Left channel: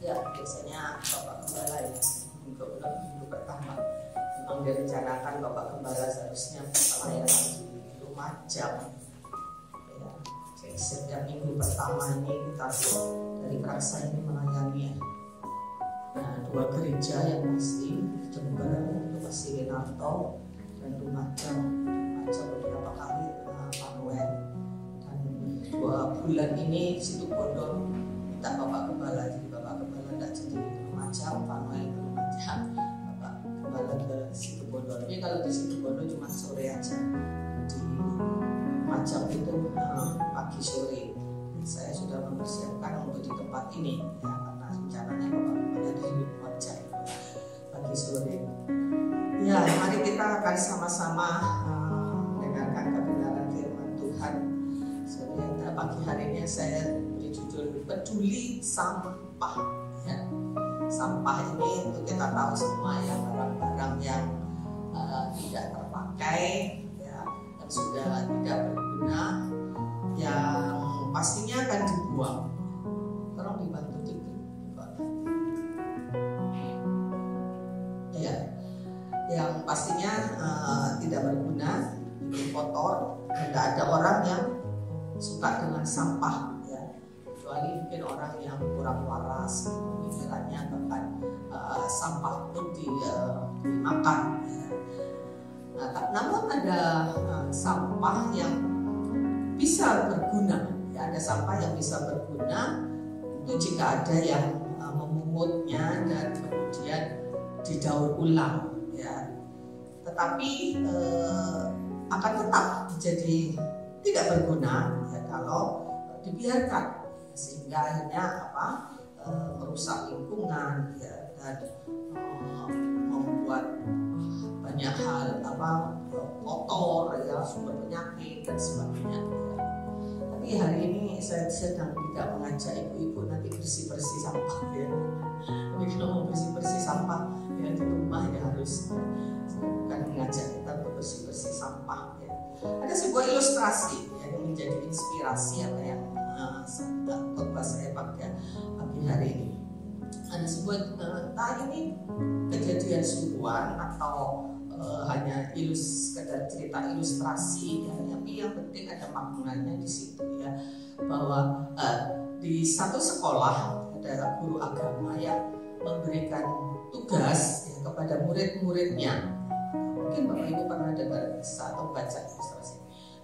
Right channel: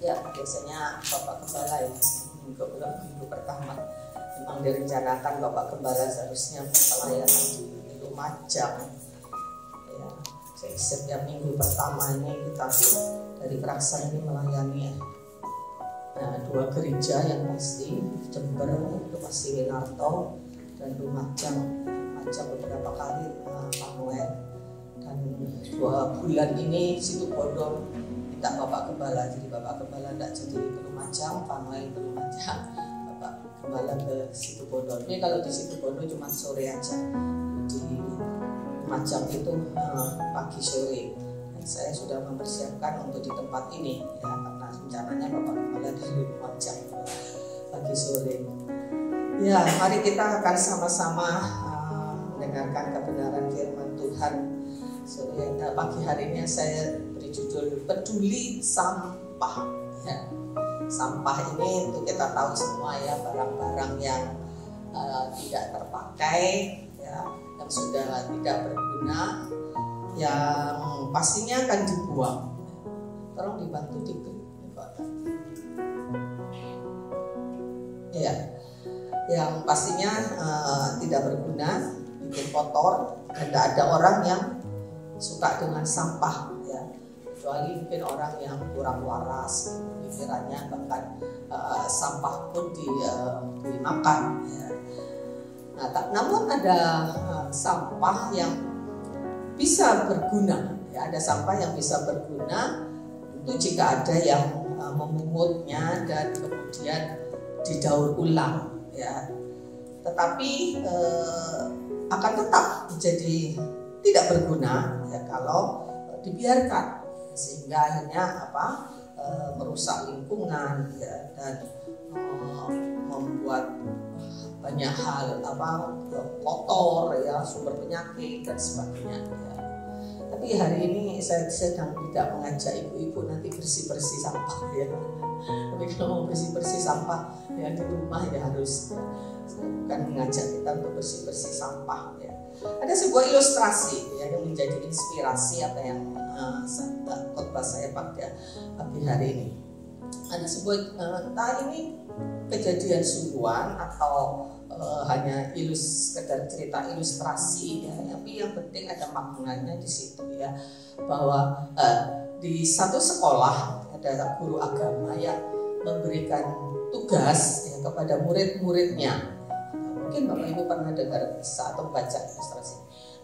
Ya, biasanya Bapak Gembala ya, minggu pertama memang direncanakan Bapak Gembala seharusnya pelayanan di Lumajang. Ya, setiap minggu pertama ini kita dari Praksa ini melayani dua gereja yang pasti, Jember, Bekasi Winarto, dan Lumajang. Lumajang beberapa kali Manuel, dan 2 bulan ini Situbondo minta Bapak Gembala, jadi Bapak Gembala tidak jadi ke Lumajang, Manuel ke Lumajang, Bapak Gembala ke Situbondo. Ini kalau di Situbondo cuma sore aja, di Lumajang itu pagi sore. Dan saya sudah mempersiapkan untuk di tempat ini ya, karena rencananya Bapak Gembala di Lumajang pagi sore. Ya, mari kita akan sama-sama mendengarkan kebenaran firman Tuhan. Pagi hari ini saya beri judul peduli sampah. Ya. Sampah ini untuk kita tahu semua ya, barang-barang yang tidak terpakai, ya, yang sudah tidak berguna, yang pastinya akan dibuang. Tolong dibantu dikit, Pak. Ya, yang pastinya tidak berguna, bikin kotor, dan tidak ada orang yang suka dengan sampah ya, kecuali mungkin orang yang kurang waras pikirannya, bahkan sampah pun dimakan ya. Namun ada sampah yang bisa berguna ya, ada sampah yang bisa berguna itu jika ada yang memungutnya dan kemudian didaur ulang ya, tetapi akan tetap menjadi tidak berguna ya kalau dibiarkan, sehingga akhirnya merusak lingkungan ya, dan membuat banyak hal kotor ya, sumber penyakit dan sebagainya ya. Tapi hari ini saya sedang tidak mengajak ibu-ibu nanti bersih-bersih sampah ya. Tapi kalau mau bersih-bersih sampah ya di rumah ya harus ya. Saya bukan mengajak kita untuk bersih-bersih sampah ya. Ada sebuah ilustrasi ya, yang menjadi inspirasi apa yang khotbah saya pada pagi hari ini. Ada sebuah entah ini kejadian sungguhan atau hanya sekedar cerita ilustrasi ya, tapi yang penting ada maknanya di situ ya, bahwa di satu sekolah ada guru agama yang memberikan tugas ya, kepada murid-muridnya. Mungkin Bapak Ibu pernah dengar kisah atau baca ilustrasi.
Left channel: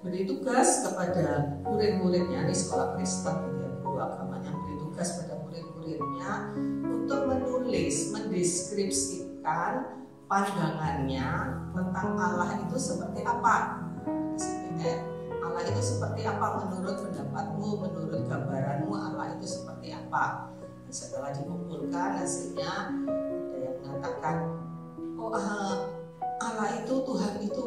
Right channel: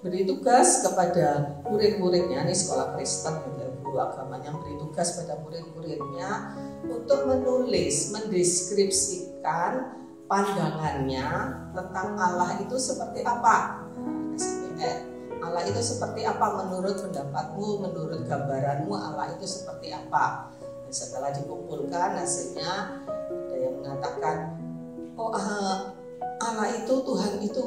Beri tugas kepada murid-muridnya, ini sekolah Kristen ya, guru agama yang beri tugas pada murid-muridnya untuk menulis, mendeskripsikan pandangannya tentang Allah itu seperti apa. Allah itu seperti apa menurut pendapatmu, menurut gambaranmu Allah itu seperti apa. Dan setelah dikumpulkan hasilnya ada yang mengatakan, Allah itu, Tuhan itu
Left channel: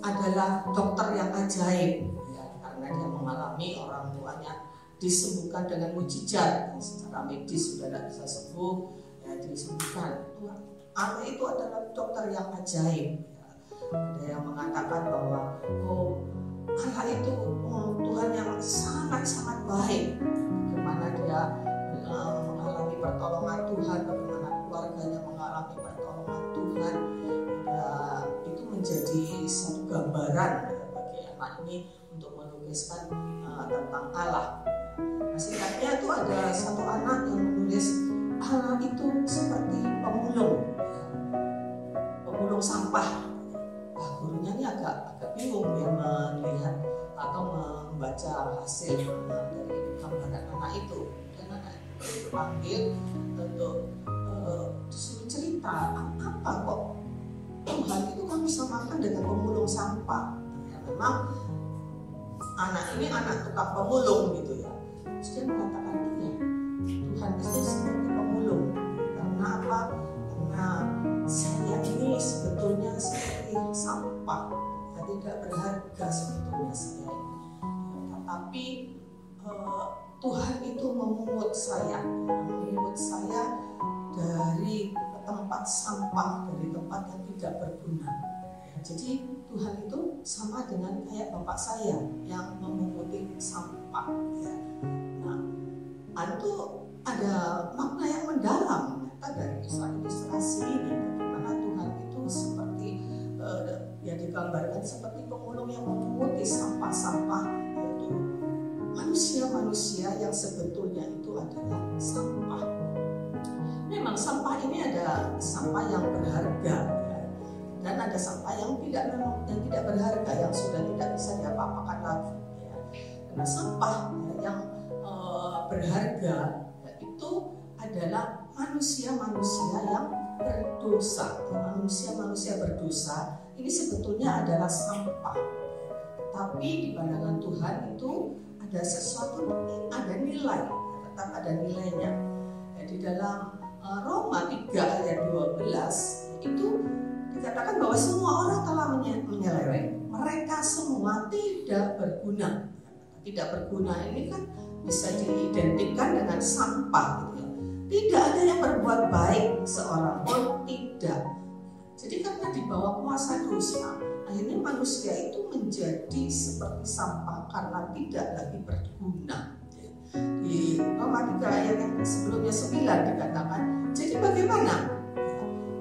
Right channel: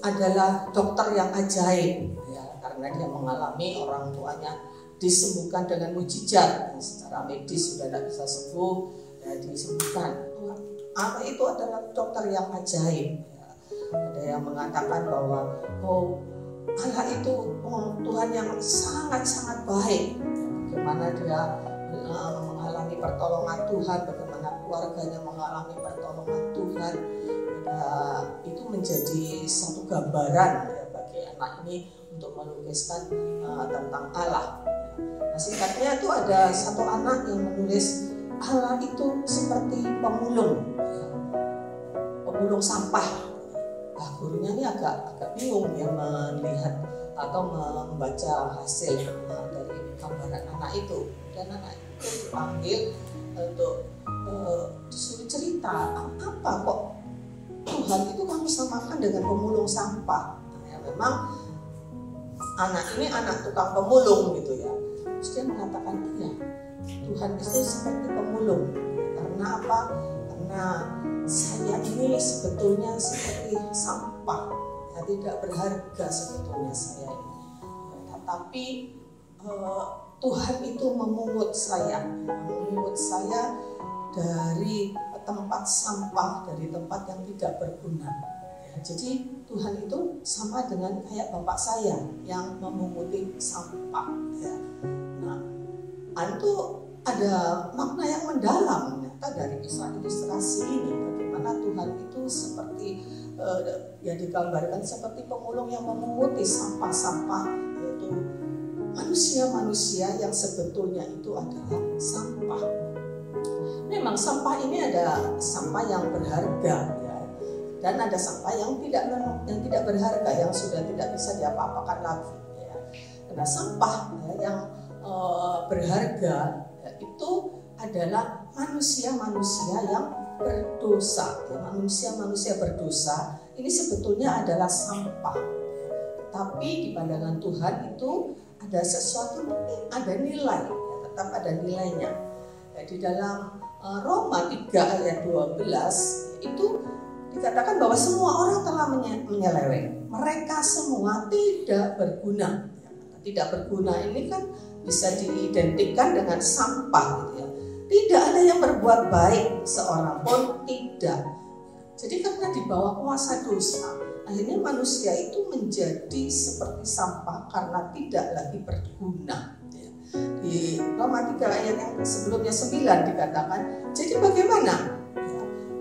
adalah dokter yang ajaib ya, karena dia mengalami orang tuanya disembuhkan dengan mujizat ya, secara medis sudah tidak bisa sembuh ya, disembuhkan. Allah itu adalah dokter yang ajaib ya. Ada yang mengatakan bahwa Allah itu Tuhan yang sangat-sangat baik, bagaimana dia mengalami pertolongan Tuhan, bagaimana keluarganya mengalami pertolongan Tuhan. Itu menjadi satu gambaran ya, bagi anak ini untuk melukiskan tentang Allah. Nah, singkatnya itu ada satu anak yang menulis Allah itu seperti pemulung sampah. Nah, gurunya ini agak bingung ya melihat atau membaca hasil dari gambaran anak itu, dan anak itu dipanggil untuk disuruh cerita apa kok Tuhan itu kamu samakan dengan pemulung sampah. Ya, memang anak ini anak tukang pemulung gitu ya. Terus dia mengatakan iya, Tuhan itu seperti pemulung. Karena apa? Karena saya ini sebetulnya seperti sampah, ya, tidak berharga sebetulnya saya ini. Ya, tetapi Tuhan itu memungut saya dari tempat sampah, dari tempat yang tidak berguna. Ya, jadi Tuhan itu sama dengan kayak bapak saya yang memunguti sampah. Ya. Nah, itu ada makna yang mendalam dari kisah ilustrasi ini, bagaimana Tuhan itu seperti ya digambarkan seperti pemulung yang memunguti sampah-sampah, yaitu manusia-manusia yang sebetulnya itu adalah sampah. Memang sampah ini ada sampah yang berharga, ya, dan ada sampah yang tidak berharga, yang sudah tidak bisa diapa-apakan lagi, ya. Karena sampah ya, yang berharga ya, itu adalah manusia-manusia yang berdosa. Manusia-manusia berdosa ini sebetulnya adalah sampah. Tapi di pandangan Tuhan itu ada sesuatu, ada nilai, tetap ada nilainya. Ya, di dalam Roma 3 ayat 12 itu dikatakan bahwa semua orang telah menyeleweng. Mereka semua tidak berguna. Tidak berguna ini kan bisa diidentikan dengan sampah, gitu ya. Tidak ada yang berbuat baik, seorang pun tidak. Jadi karena di bawah kuasa dosa, akhirnya manusia itu menjadi seperti sampah karena tidak lagi berguna. Di Roma 3 ayat yang sebelumnya 9 dikatakan, jadi bagaimana?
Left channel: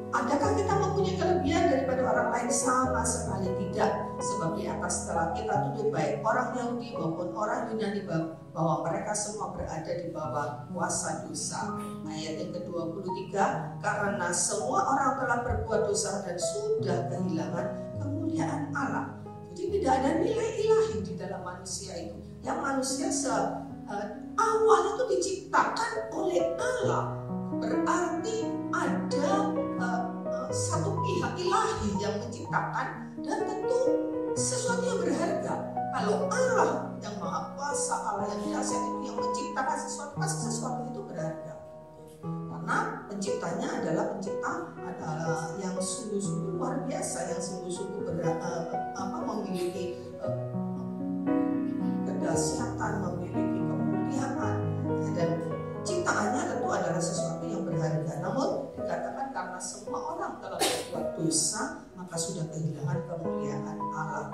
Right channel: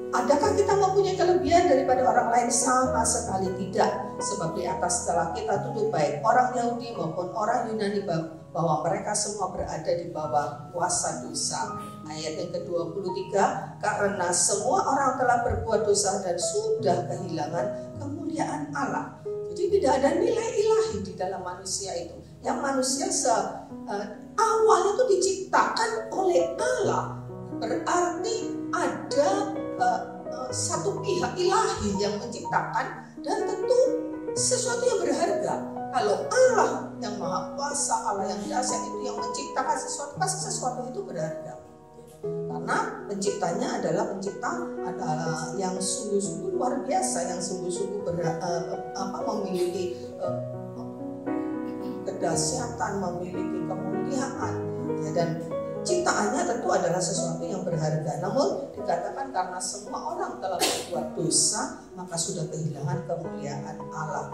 Adakah kita mempunyai kelebihan daripada orang lain? Sama sekali tidak. Sebab di atas telah kita tuntut baik orang Yahudi maupun orang Yunani bahwa mereka semua berada di bawah kuasa dosa. Ayat yang ke-23, karena semua orang telah berbuat dosa dan sudah kehilangan kemuliaan Allah. Jadi tidak ada nilai ilahi di dalam manusia itu. Yang manusia awal itu diciptakan oleh Allah. Berarti ada satu pihak ilahi yang menciptakan, dan tentu sesuatu yang berharga. Kalau Allah yang maha kuasa, Allah yang dahsyat itu yang menciptakan sesuatu, pasti sesuatu itu berharga. Karena penciptanya adalah pencipta yang sungguh-sungguh luar biasa, yang sungguh-sungguh memiliki kedahsyatan, memiliki kemuliaan, dan ciptaannya tentu adalah sesuatu yang berharga. Namun dikatakan karena semua orang telah berbuat dosa, maka sudah kehilangan kemuliaan Allah.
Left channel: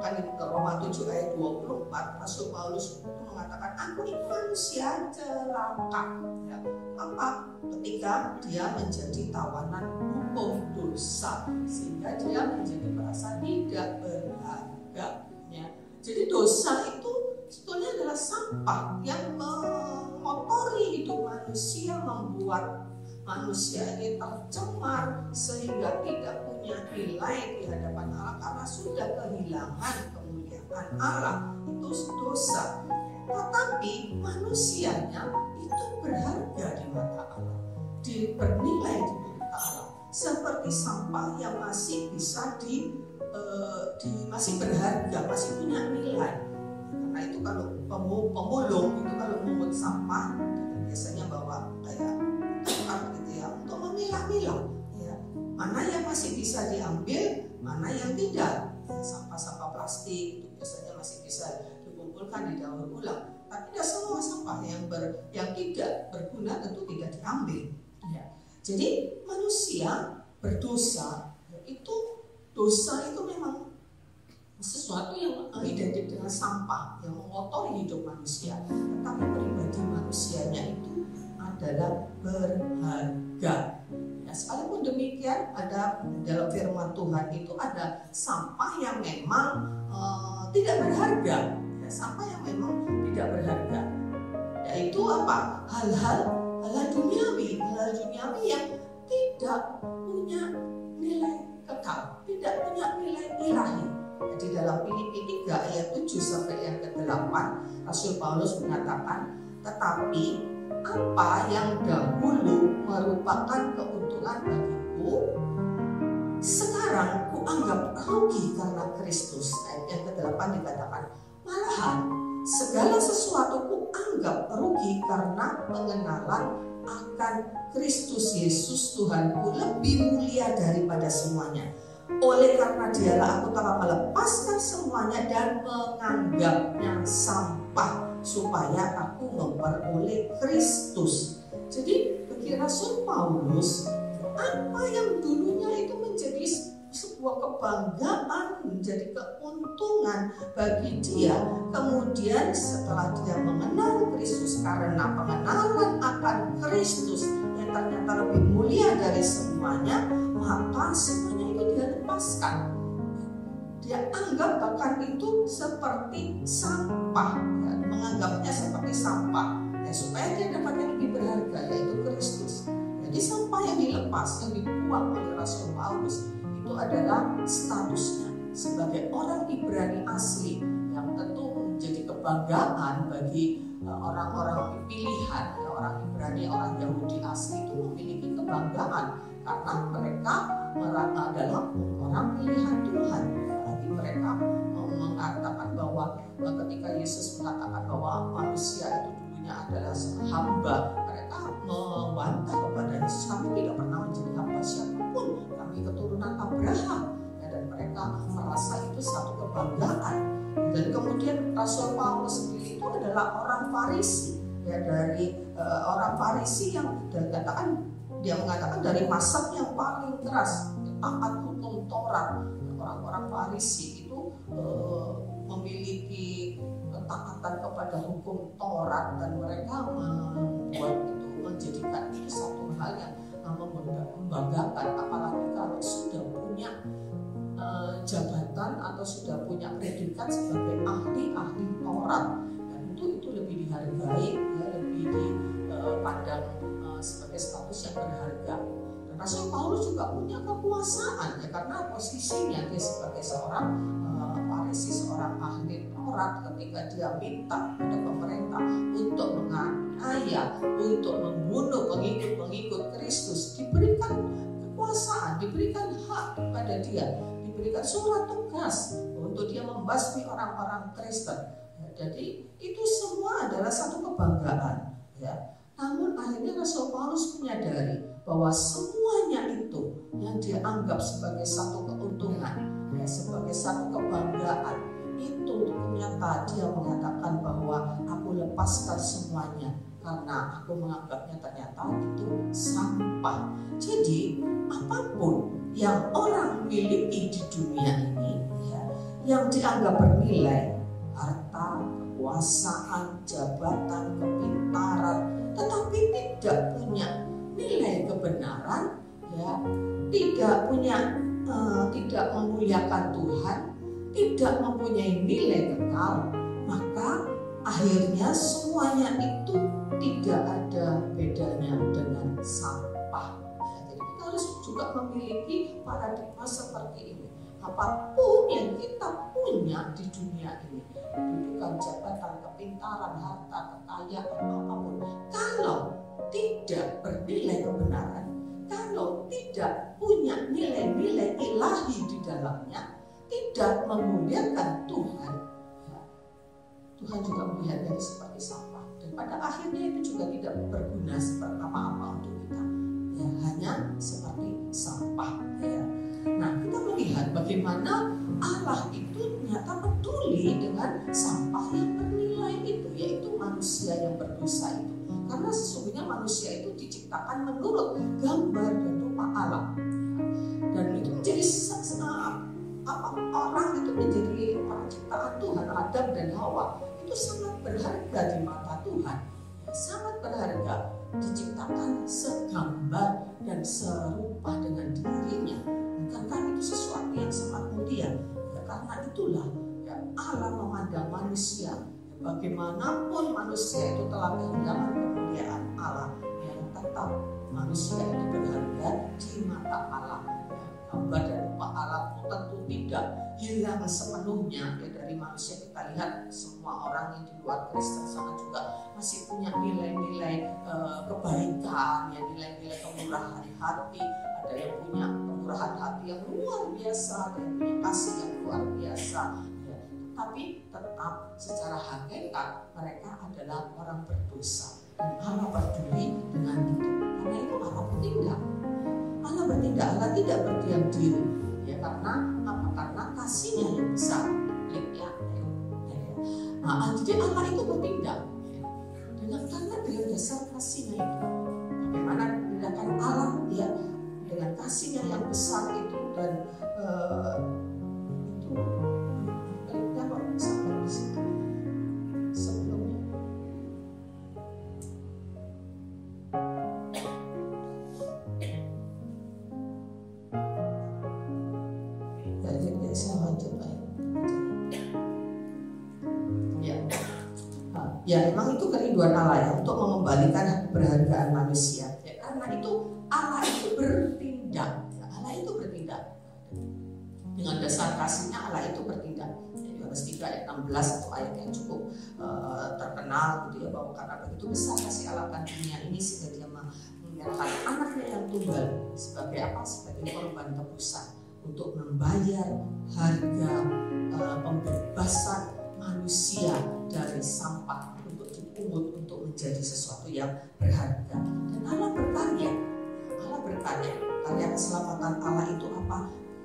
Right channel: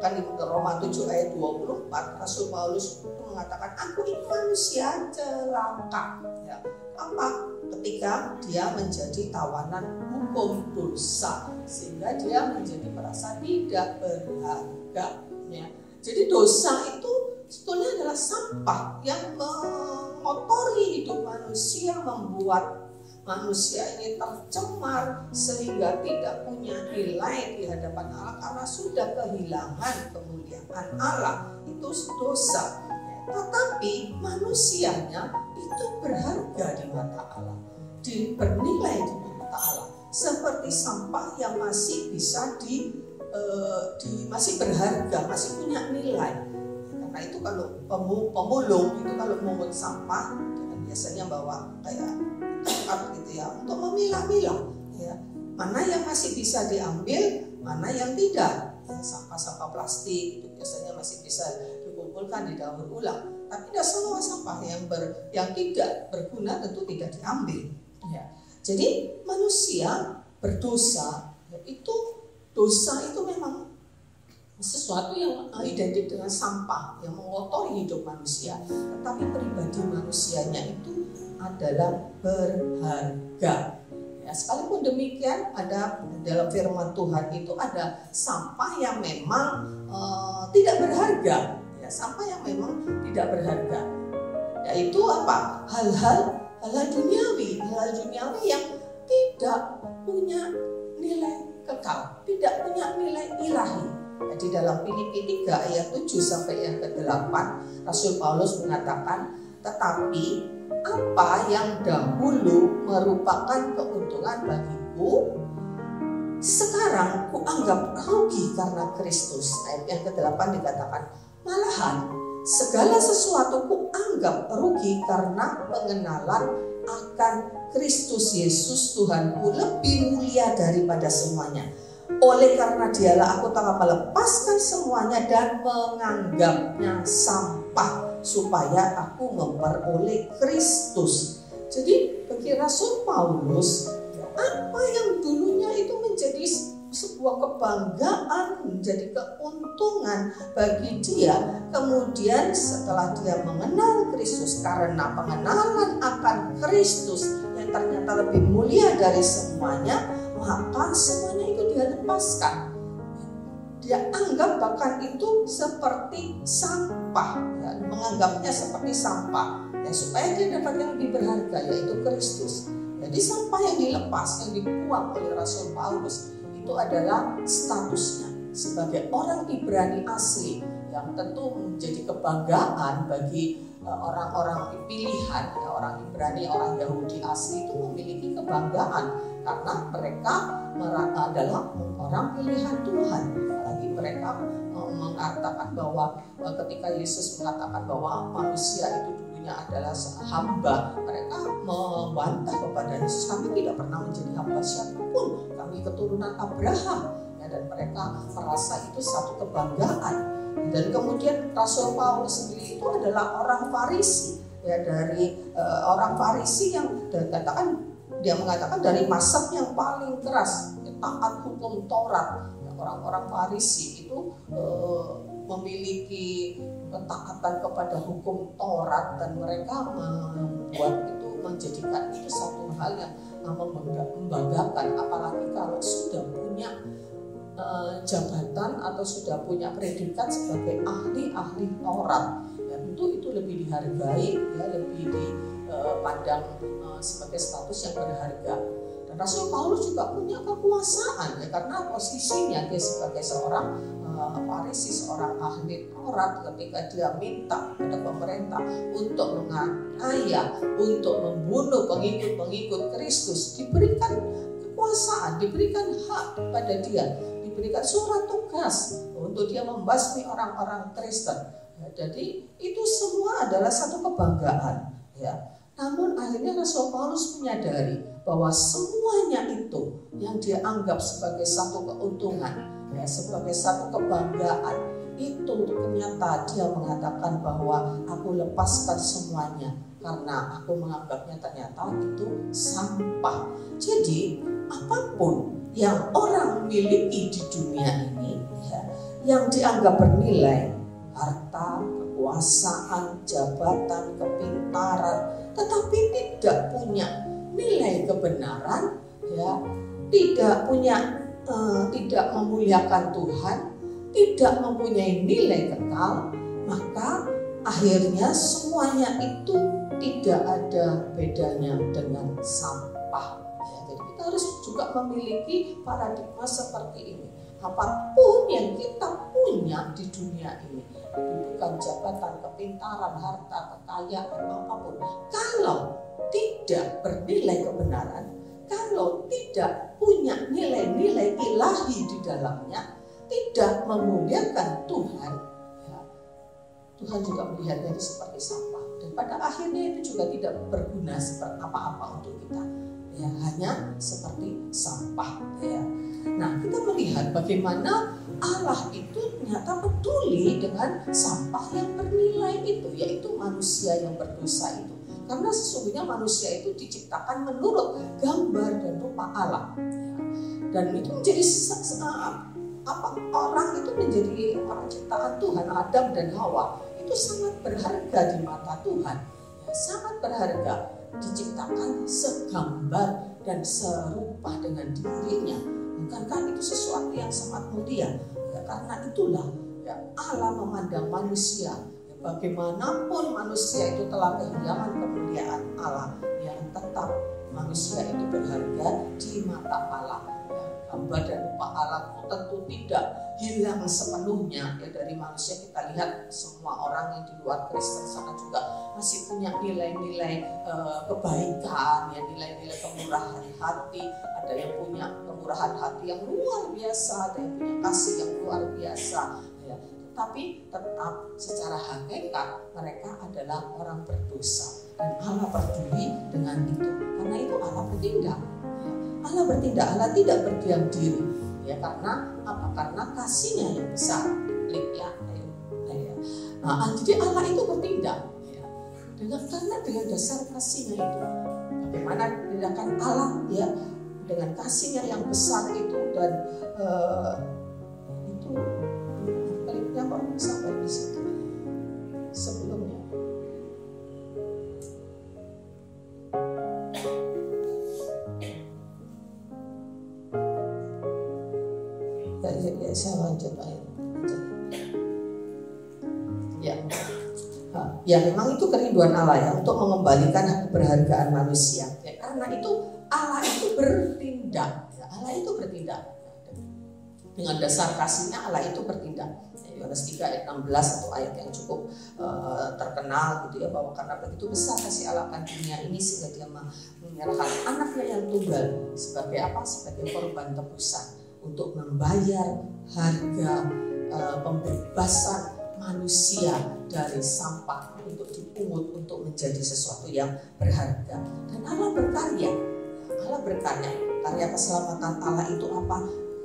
Kan di Roma 7 ayat 24 Rasul Paulus itu mengatakan, aku ini manusia celaka. Ya, apa? Ketika dia menjadi tawanan hukum dosa, sehingga dia menjadi merasa tidak berharga. Ya. Jadi dosa itu sebetulnya adalah sampah yang mengotori hidup manusia, membuat manusia ini tercemar sehingga tidak punya nilai di hadapan Allah karena sudah kehilangan kemuliaan Allah. Itu dosa. Tetapi manusianya itu berharga di mata Allah, bernilai di mata Allah, seperti sampah yang masih bisa masih berharga, masih punya nilai. Karena itu kalau pemulung itu kalau memungut sampah biasanya bawa kayak tongkat gitu ya, untuk memilah-milah ya, mana yang masih bisa diambil, mana yang tidak. Sampah-sampah plastik itu biasanya masih bisa dikumpulkan, didaur ulang. Tapi tidak semua sampah yang tidak berguna tentu tidak diambil ya. Jadi manusia berdosa, itu dosa itu memang sesuatu yang identik dengan sampah yang mengotori hidup manusia. Tetapi pribadi manusianya itu adalah berharga. Ya, sekalipun demikian, ada dalam firman Tuhan itu ada sampah yang memang tidak berharga. Ya, sampah yang memang tidak berharga. Yaitu apa? Hal-hal duniawi, hal-hal duniawi yang tidak punya nilai kekal, tidak punya nilai ilahi. Di dalam Filipi 3 ayat 7 sampai ayat ke-8 Rasul Paulus mengatakan, tetapi apa yang dahulu merupakan keuntungan bagiku, sekarang kuanggap rugi karena Kristus. Ayat yang ke-8 dikatakan, malahan segala sesuatu kuanggap rugi karena pengenalan akan Kristus Yesus Tuhanku lebih mulia daripada semuanya. Oleh karena dialah aku telah melepaskan semuanya dan menganggapnya sampah, supaya aku memperoleh Kristus. Jadi bagi Rasul Paulus, apa yang dulunya itu menjadi sebuah kebanggaan, menjadi keuntungan bagi dia. Kemudian setelah dia mengenal Kristus, karena pengenalan akan Kristus yang ternyata lebih mulia dari semuanya, maka semuanya itu dia lepaskan. Dia anggap bahkan itu seperti sampah, menganggapnya seperti sampah, ya, supaya dia dapat yang lebih berharga, yaitu Kristus. Jadi sampah yang dilepas, yang dibuang oleh Rasul Paulus, itu adalah statusnya sebagai orang Ibrani asli, yang tentu menjadi kebanggaan bagi orang-orang pilihan. Orang Ibrani, orang Yahudi asli itu memiliki kebanggaan karena mereka adalah orang pilihan Tuhan. Lagi mereka mengatakan bahwa ketika Yesus mengatakan bahwa manusia itu dulunya adalah hamba, mereka membantah kepada Yesus, kami tidak pernah menjadi hamba siapapun, kami keturunan Abraham, ya, dan mereka merasa itu satu kebanggaan. Dan kemudian Rasul Paulus sendiri itu adalah orang Farisi, ya, dari orang Farisi yang dia mengatakan dari mazhab yang paling keras, taat hukum Taurat. Orang-orang Farisi itu memiliki ketaatan kepada hukum Taurat, dan mereka membuat itu, menjadikan itu satu hal yang membanggakan, apalagi kalau sudah punya jabatan atau sudah punya predikat sebagai ahli Taurat, dan itu lebih dihargai, ya, lebih dipandang sebagai status yang berharga. Dan Rasul Paulus juga punya kekuasaan, ya, karena posisinya dia sebagai seorang Farisi, seorang ahli Taurat, ketika dia minta kepada pemerintah untuk menganiaya, untuk membunuh pengikut Kristus, diberikan kekuasaan, diberikan hak pada dia, diberikan surat tugas untuk dia membasmi orang-orang Kristen. Ya, jadi itu semua adalah satu kebanggaan, ya. Namun akhirnya Rasul Paulus menyadari bahwa semuanya itu yang dia anggap sebagai satu keuntungan, ya, sebagai satu kebanggaan, itu ternyata dia mengatakan bahwa aku lepaskan semuanya karena aku menganggapnya ternyata itu sampah. Jadi apapun yang orang miliki di dunia ini, ya, yang dianggap bernilai, harta, kekuasaan, jabatan, kepintaran, tetapi tidak punya nilai kebenaran, ya, tidak memuliakan Tuhan, tidak mempunyai nilai kekal, maka akhirnya semuanya itu tidak ada bedanya dengan sampah. Ya, jadi kita harus juga memiliki paradigma seperti ini. Apapun yang kita punya di dunia ini, kedudukan, jabatan, kepintaran, harta, kekayaan, apapun, kalau tidak bernilai kebenaran, kalau tidak punya nilai-nilai ilahi di dalamnya, tidak memuliakan Tuhan, ya, Tuhan juga melihatnya seperti sampah. Dan pada akhirnya itu juga tidak berguna seperti apa-apa untuk kita, ya, hanya seperti sampah, ya. Nah, kita melihat bagaimana Allah itu ternyata peduli dengan sampah yang bernilai itu, yaitu manusia yang berdosa itu. Karena sesungguhnya manusia itu diciptakan menurut gambar dan rupa Allah. Dan itu menjadi orang itu menjadi orang ciptaan Tuhan, Adam dan Hawa, itu sangat berharga di mata Tuhan. Sangat berharga, diciptakan segambar dan serupa dengan dirinya. Karena itu sesuatu yang sangat mulia, ya, karena itulah, ya, Allah memandang manusia, ya, bagaimanapun manusia itu telah kehilangan kemuliaan Allah, yang tetap manusia itu berharga di mata Allah, ya. Gambar dan rupa Allah tentu tidak hilang sepenuhnya, ya, dari manusia. Kita lihat semua orang yang di luar Kristen sana juga masih punya nilai-nilai kebaikan, ya, nilai-nilai kemurahan hati. Ada yang punya kemurahan hati yang luar biasa, ada yang punya kasih yang luar biasa, ya. Tapi tetap secara hakikat mereka adalah orang berdosa, dan Allah peduli dengan itu. Karena itu Allah bertindak. Allah bertindak, Allah tidak berdiam diri, ya, karena apa? Karena kasihnya yang besar, ya. Nah, jadi Allah itu bertindak, ya, dengan dasar kasihnya itu. Bagaimana tindakan Allah, ya, dengan kasihnya yang besar itu, dan itu baliknya kok sampai di situ sebelumnya. Ya, saya lanjut ya, memang itu kerinduan Allah ya, untuk mengembalikan keberhargaan manusia ya, karena itu Allah itu bertindak ya, Allah itu bertindak dengan dasar kasihnya. Allah itu bertindak. Yohanes 3 ayat 16 atau ayat yang cukup terkenal gitu ya, bahwa karena begitu besar kasih Allah akan dunia ini sehingga dia menyerahkan anaknya yang tunggal sebagai apa? Sebagai korban tebusan untuk membayar harga pembebasan manusia dari sampah, untuk dipungut untuk menjadi sesuatu yang berharga. Dan Allah berkarya. Karya keselamatan Allah itu apa?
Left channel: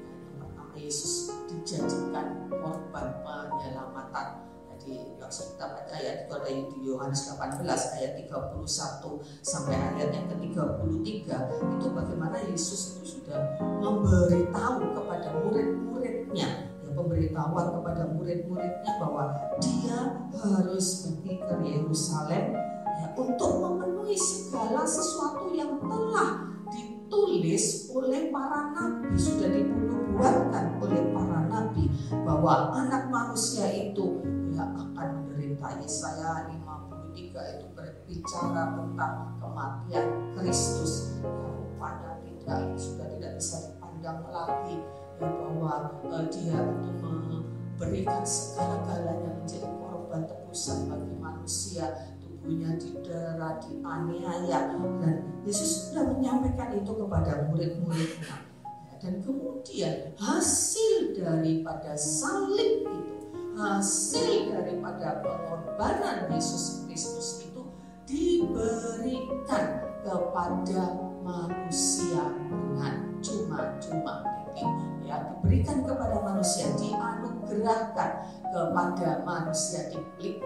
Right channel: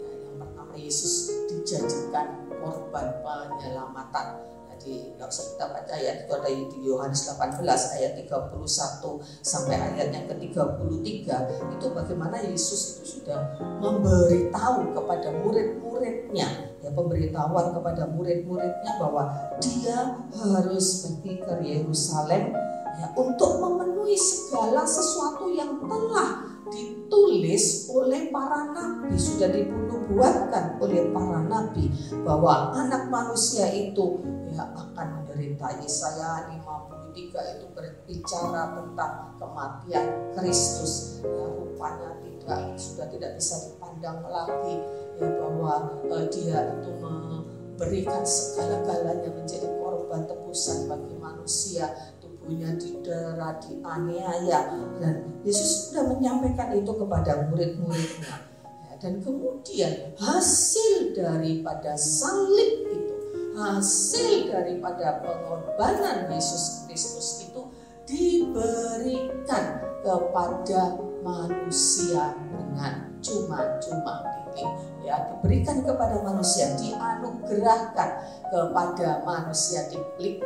Yang pertama, Yesus dijadikan korban penyelamatan. Jadi kalau kita baca ayat itu ada di Yohanes 18 ayat 31 sampai ayat yang ke-33, itu bagaimana Yesus itu sudah memberitahu kepada murid-muridnya, ya, pemberitahuan kepada murid-muridnya bahwa dia harus pergi ke Yerusalem ya, untuk memenuhi segala sesuatu yang telah ditulis oleh para nabi, sudah dinubuatkan oleh para nabi, bahwa anak manusia itu ya akan menderita. Yesaya 53 itu berbicara tentang kematian Kristus ya, rupanya sudah tidak bisa dipandang lagi ya, bahwa dia itu memberikan segala-galanya menjadi korban tebusan bagi manusia. Tubuhnya didera, dianiaya, dan Yesus sudah menyampaikan itu kepada murid-muridnya. Dan kemudian hasil daripada salib itu, hasil daripada pengorbanan Yesus Kristus itu diberikan kepada manusia dengan cuma-cuma, ya, diberikan kepada manusia, dianugerahkan kepada manusia, diklik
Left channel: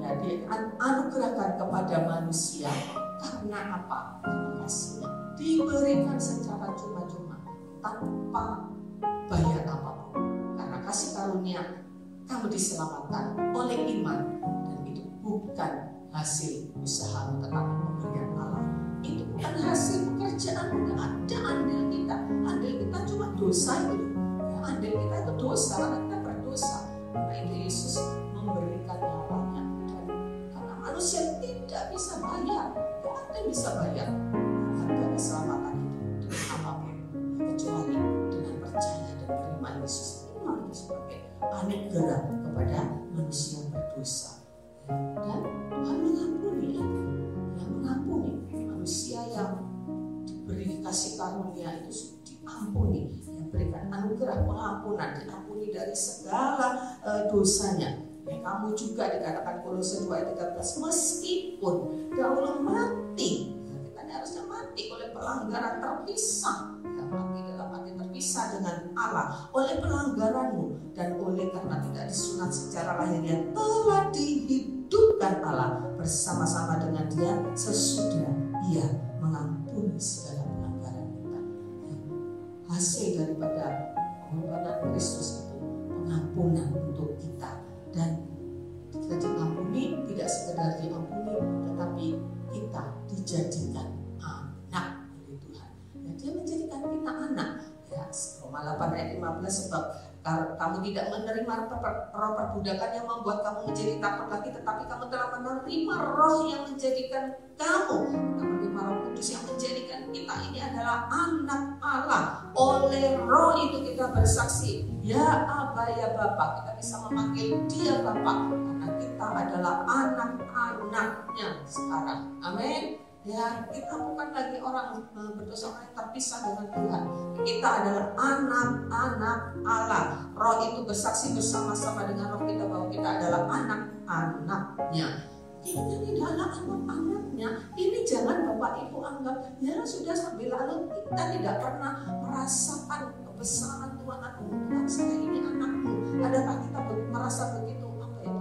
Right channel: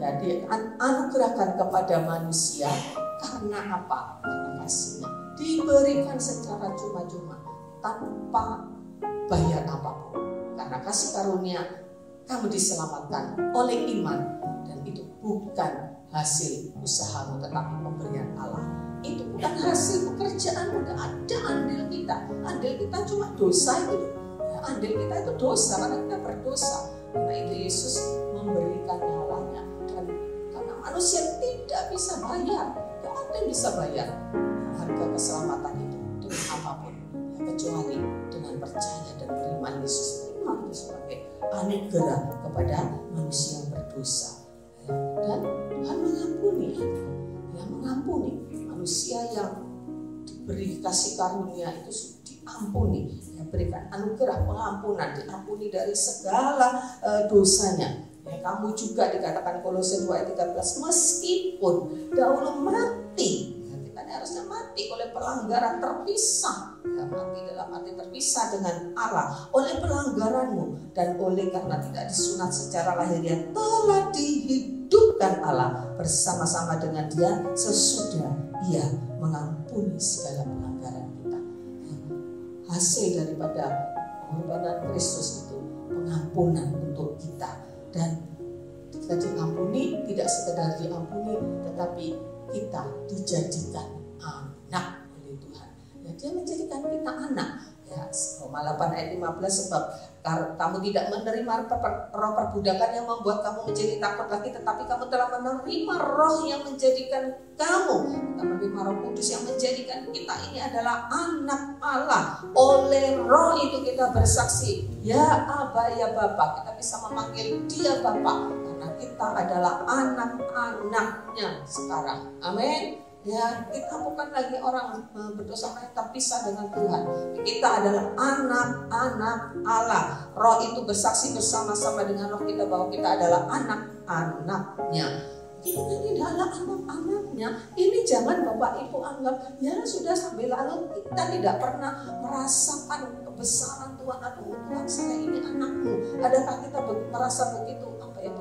ya, dianugerahkan kepada manusia. Karena apa? Karena kasihnya diberikan secara cuma-cuma tanpa bayar apapun. Karena kasih karunia kamu diselamatkan oleh iman, dan itu bukan hasil usahamu tetapi pemberian Allah. Itu bukan hasil pekerjaan, tidak ada andil kita. Andil kita cuma dosa itu. Ya, andil kita itu dosa karena kita berdosa. Karena itu Yesus memberikan nyawanya, dan karena manusia tidak bisa bayar, tidak ada yang bisa bayar harga keselamatan itu dengan apapun ya, kecuali dengan percaya dan beriman Yesus. Iman itu sebagai anugerah kepada manusia yang berdosa. Dan Tuhan mengampuni, yang mengampuni manusia yang diberi kasih karunia itu diampuni, yang berikan anugerah pengampunan, diampuni dari segala dosanya. Ya, kamu juga dikatakan Kolose 2 ayat 13, meskipun dahulu mati, ya, kita ini harusnya mati oleh pelanggaran, terpisah, ya, mati dalam arti terpisah dengan Allah oleh pelanggaranmu, dan oleh karena tidak disunat secara lahiriah telah dihidupkan Allah bersama-sama dengan Dia sesudah Ia mengampuni segala pelanggaran kita. Ya, hasil daripada pengorbanan Kristus itu pengampunan untuk kita, dan kita diampuni, tidak sekedar diampuni, tetapi kita dijadikan anak oleh Tuhan. Ya, Dia menjadikan kita anak. Ya, Roma 8 ayat 15, sebab kamu tidak menerima roh perbudakan yang membuat kamu menjadi takut lagi, tetapi kamu telah menerima roh yang menjadikan kamu, menerima Roh Kudus yang menjadikan kita ini adalah anak Allah. Oleh roh itu kita bersaksi, ya Aba, ya Bapa. Kita bisa memanggil Dia Bapa karena kita adalah anak-anaknya sekarang. Amin. Ya, kita bukan lagi orang berdosa yang terpisah dengan Tuhan. Kita adalah anak-anak Allah. Roh itu bersaksi bersama-sama dengan roh kita bahwa kita adalah anak-anaknya. Kita tidak adalah anak-anaknya. Ini jangan Bapak Ibu anggap ya sudah sambil lalu, kita tidak pernah merasakan kebesaran Tuhan. Aduh, Tuhan, saya ini anakmu. Adakah kita merasa begitu? Apa ya,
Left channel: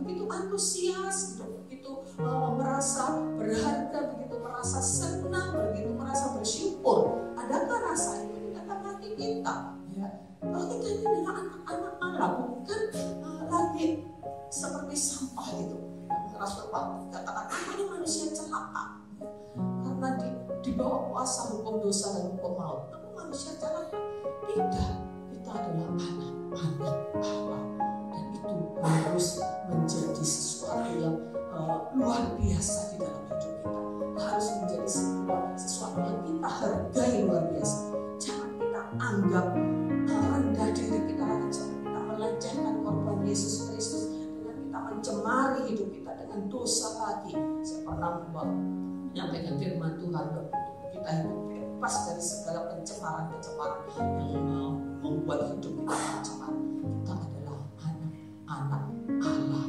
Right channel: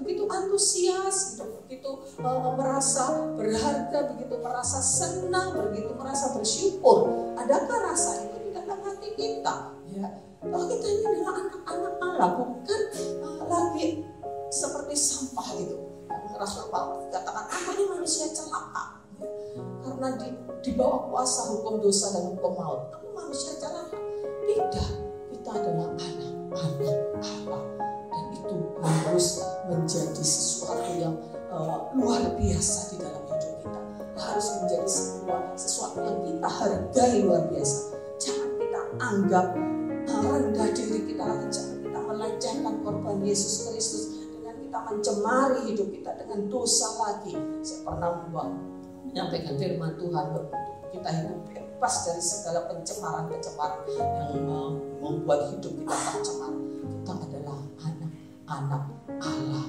begitu antusias, begitu merasa berharga, begitu merasa senang, begitu merasa bersyukur. adakah rasa itu di dalam hati kita? Ya, bahwa kita ini adalah anak-anak Allah, bukan lagi seperti sampah gitu. Rasul Paulus katakan, aku ini manusia celaka, karena di bawah kuasa hukum dosa dan hukum maut. Aku manusia celaka. Tidak, kita adalah anak-anak Allah, dan itu harus menjadi sesuatu yang luar biasa di dalam hidup kita. Harus menjadi sesuatu yang kita hargai luar biasa. Jangan kita anggap rendah diri kita, jangan kita melecehkan korban Yesus Kristus dengan kita mencemari hidup kita dengan dosa lagi. Saya pernah menyampaikan firman Tuhan untuk kita hidup bebas dari segala pencemaran-pencemaran yang membuat hidup kita tercemar. Kita adalah anak-anak Allah.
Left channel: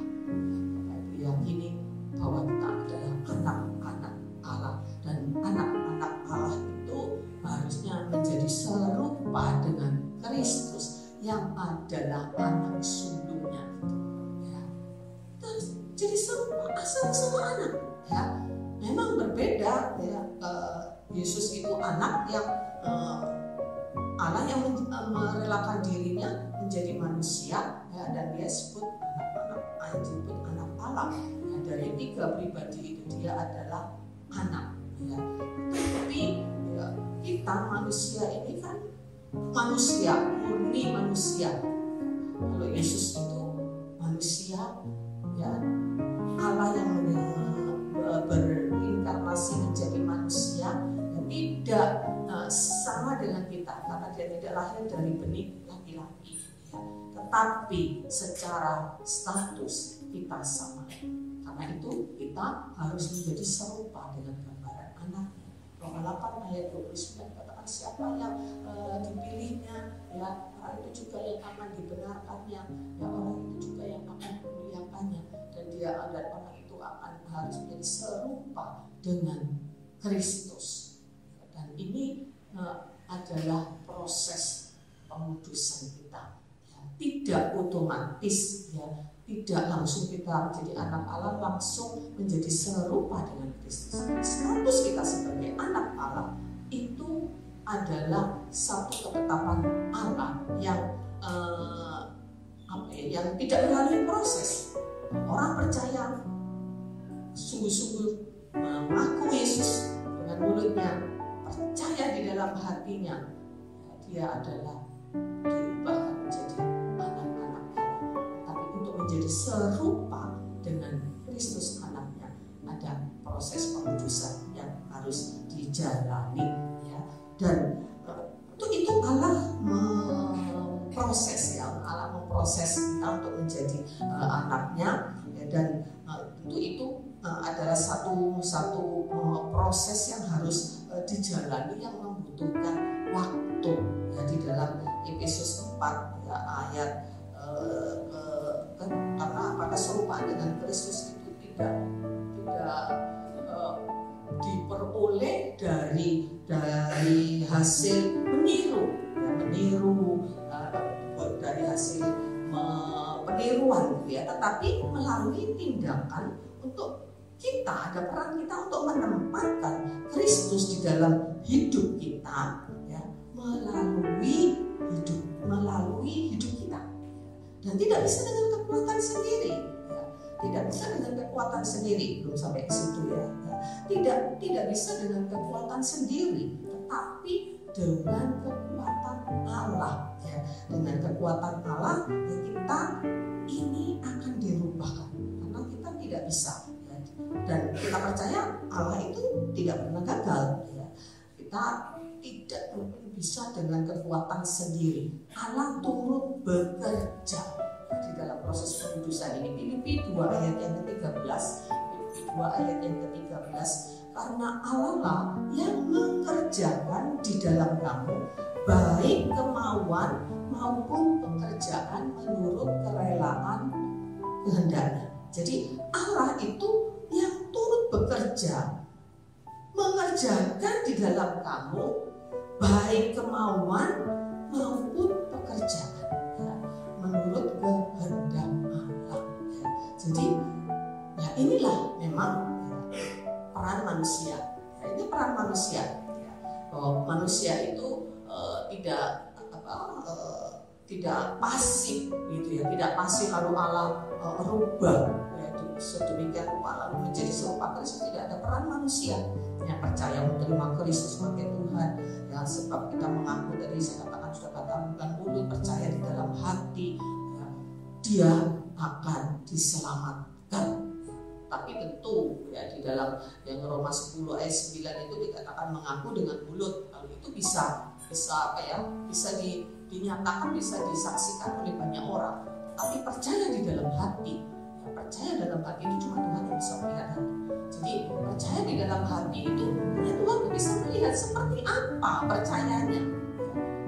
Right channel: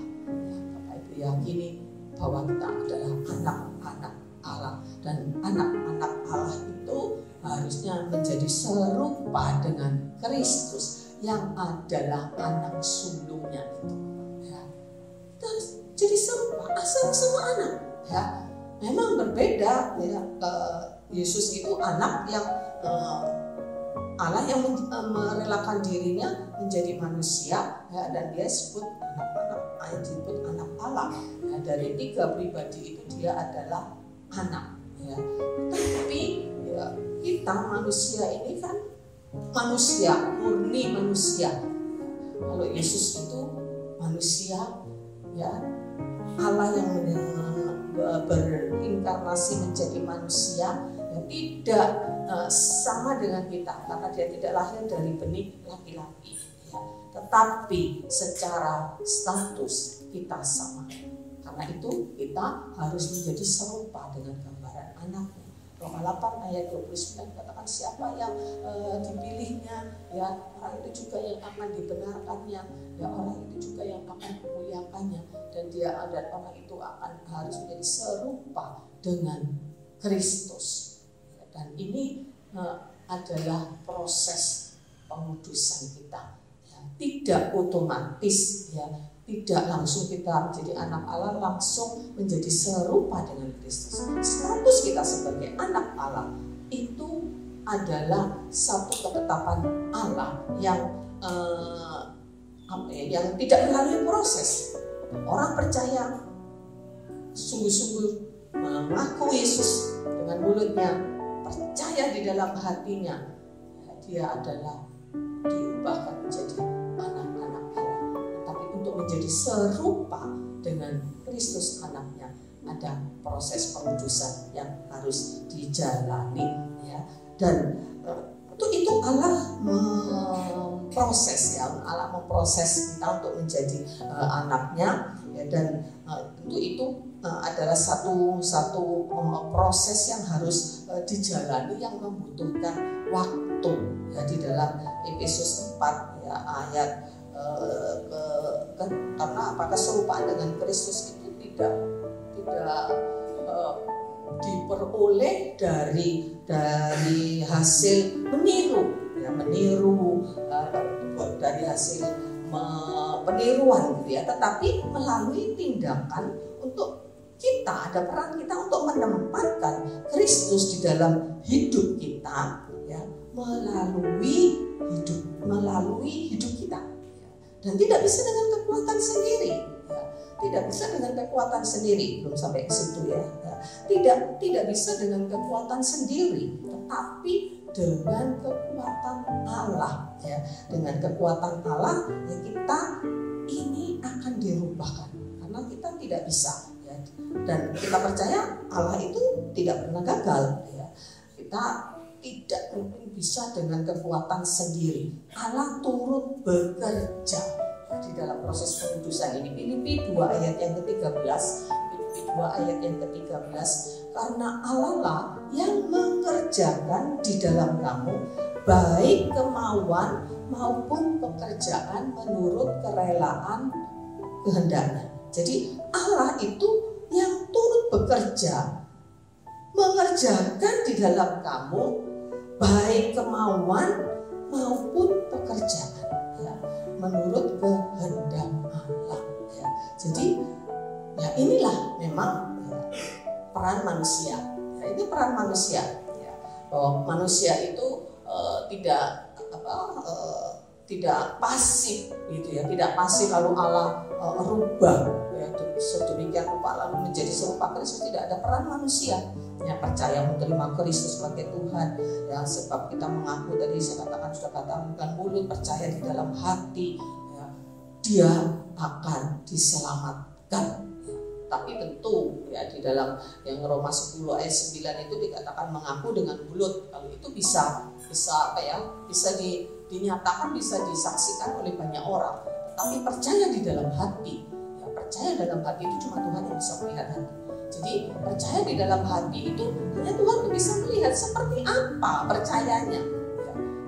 Bapak Ibu yakini bahwa kita adalah anak-anak Allah, dan anak-anak Allah itu harusnya menjadi serupa dengan Kristus yang adalah anak sulungnya itu. Ya. Terus jadi serupa sama anak. Ya. Memang berbeda. Ya. Yesus itu anak yang Allah yang merelakan dirinya menjadi manusia, ya, dan dia disebut anak Allah. Ya, dari tiga pribadi itu dia adalah anak. Ya. Tapi ya, kita manusia ini kan manusia, murni manusia. Kalau Yesus itu manusia, ya, Allah yang berinkarnasi menjadi manusia, ya, tidak sama dengan kita, karena dia tidak lahir dari benih laki-laki, ya. Tetapi secara status kita sama. Karena itu kita harus menjadi serupa dengan gambaran anaknya. Roma 8 ayat 29 katakan, siapa yang dipilihnya, ya, orang itu juga yang akan dibenarkannya, ya, orang itu juga yang akan memuliakannya, dan orang itu akan harus menjadi serupa dengan Kristus. Dan ini adalah proses pengudusan kita, ya. Tidak otomatis, ya, tidak langsung kita jadi anak Allah langsung menjadi serupa dengan Kristus. Status kita sebagai anak Allah itu adalah satu ketetapan Allah yang yang tidak melalui proses. Orang percaya sungguh-sungguh mengaku Yesus dengan mulutnya, percaya di dalam hatinya, ya, dia adalah diubahkan menjadi anak-anak Allah. Tapi untuk menjadi serupa dengan Kristus anaknya, ada proses pengudusan yang harus dijalani, ya. Dan untuk itu Allah memproses, ya, Allah memproses kita untuk menjadi anaknya, ya, dan untuk itu adalah satu proses yang harus dijalani yang membutuhkan waktu, ya. Di dalam Efesus 4, ya, ayat karena apakah keserupaan dengan Kristus itu tidak diperoleh dari hasil meniru, ya, dari hasil peniruan, gitu ya, tetapi melalui tindakan untuk kita, ada peran kita untuk menempatkan Kristus di dalam hidup kita, ya, melalui hidup kita, ya. Dan tidak bisa dengan kekuatan sendiri, ya. Tidak bisa dengan kekuatan sendiri, belum sampai ke situ, ya. Tidak bisa dengan kekuatan sendiri, tetapi dengan kekuatan Allah, ya. Dengan kekuatan Allah, ya, kita ini akan dirubahkan, karena kita tidak bisa, ya. Dan kita percaya Allah itu tidak pernah gagal, ya. Kita tidak mungkin bisa dengan kekuatan sendiri. Allah turut bekerja di dalam proses pengudusan ini. Filipi 2 ayat yang ke-13, Filipi 2 ayat yang ke-13, karena Allah lah yang mengerjakan di dalam kamu baik kemauan maupun pekerjaan menurut kerelaan kehendaknya. Jadi Allah itu yang turut bekerja, mengerjakan di dalam kamu baik kemauan maupun pekerjaan, ya, menurut kehendak Allah, ya. Jadi, ya, inilah memang, ya, peran manusia, ya, ini peran manusia, ya. bahwa manusia itu tidak pasif gitu ya, tidak pasif lalu Allah rubah yaitu sedemikian rupa lalu menjadi serupa Kristus. Tidak ada peran manusia yang percaya menerima Kristus sebagai Tuhan ya, sebab kita mengaku tadi saya katakan sudah katakan dengan mulut, percaya di dalam hati ya, dia akan diselamatkan. Tapi tentu ya di dalam yang Roma 10 ayat 9 itu dikatakan mengaku dengan mulut, lalu itu bisa dinyatakan, bisa disaksikan oleh banyak orang. Tapi percaya di dalam hati ya, percaya dalam hati itu cuma Tuhan yang bisa melihat hati. Jadi percaya di dalam hati itu hanya Tuhan yang bisa melihat seperti apa percayanya ya.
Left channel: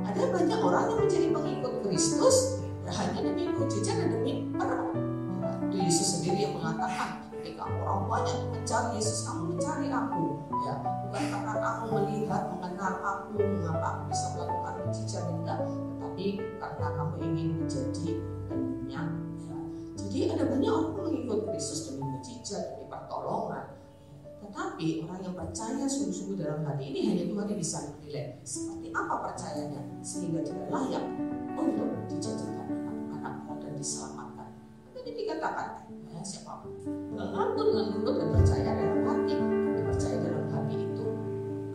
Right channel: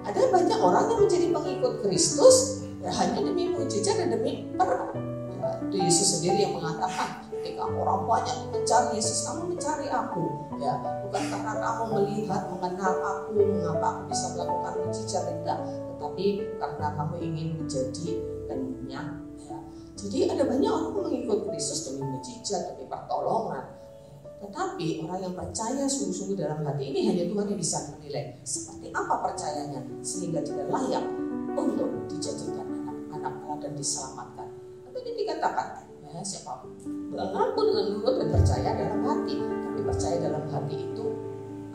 Ada banyak orang yang menjadi pengikut Kristus ya, hanya demi mujizat dan demi peran ya, itu Yesus sendiri yang mengatakan, ketika orang banyak mencari Yesus, kamu mencari aku ya, bukan karena kamu melihat mengenal aku, mengapa aku bisa melakukan mujizat, tidak, tetapi karena kamu ingin menjadi kenyang ya. Jadi ada banyak orang yang mengikut Kristus demi mujizat, demi pertolongan, tetapi orang yang percaya sungguh-sungguh dalam hati ini hanya Tuhan yang bisa menilai seperti apa percayanya sehingga tidak layak untuk dijadikan anak-anak Allah dan diselamatkan. Tadi dikatakan ya, siapa mengaku dengan mulut dan percaya dalam hati, tapi percaya dalam hati itu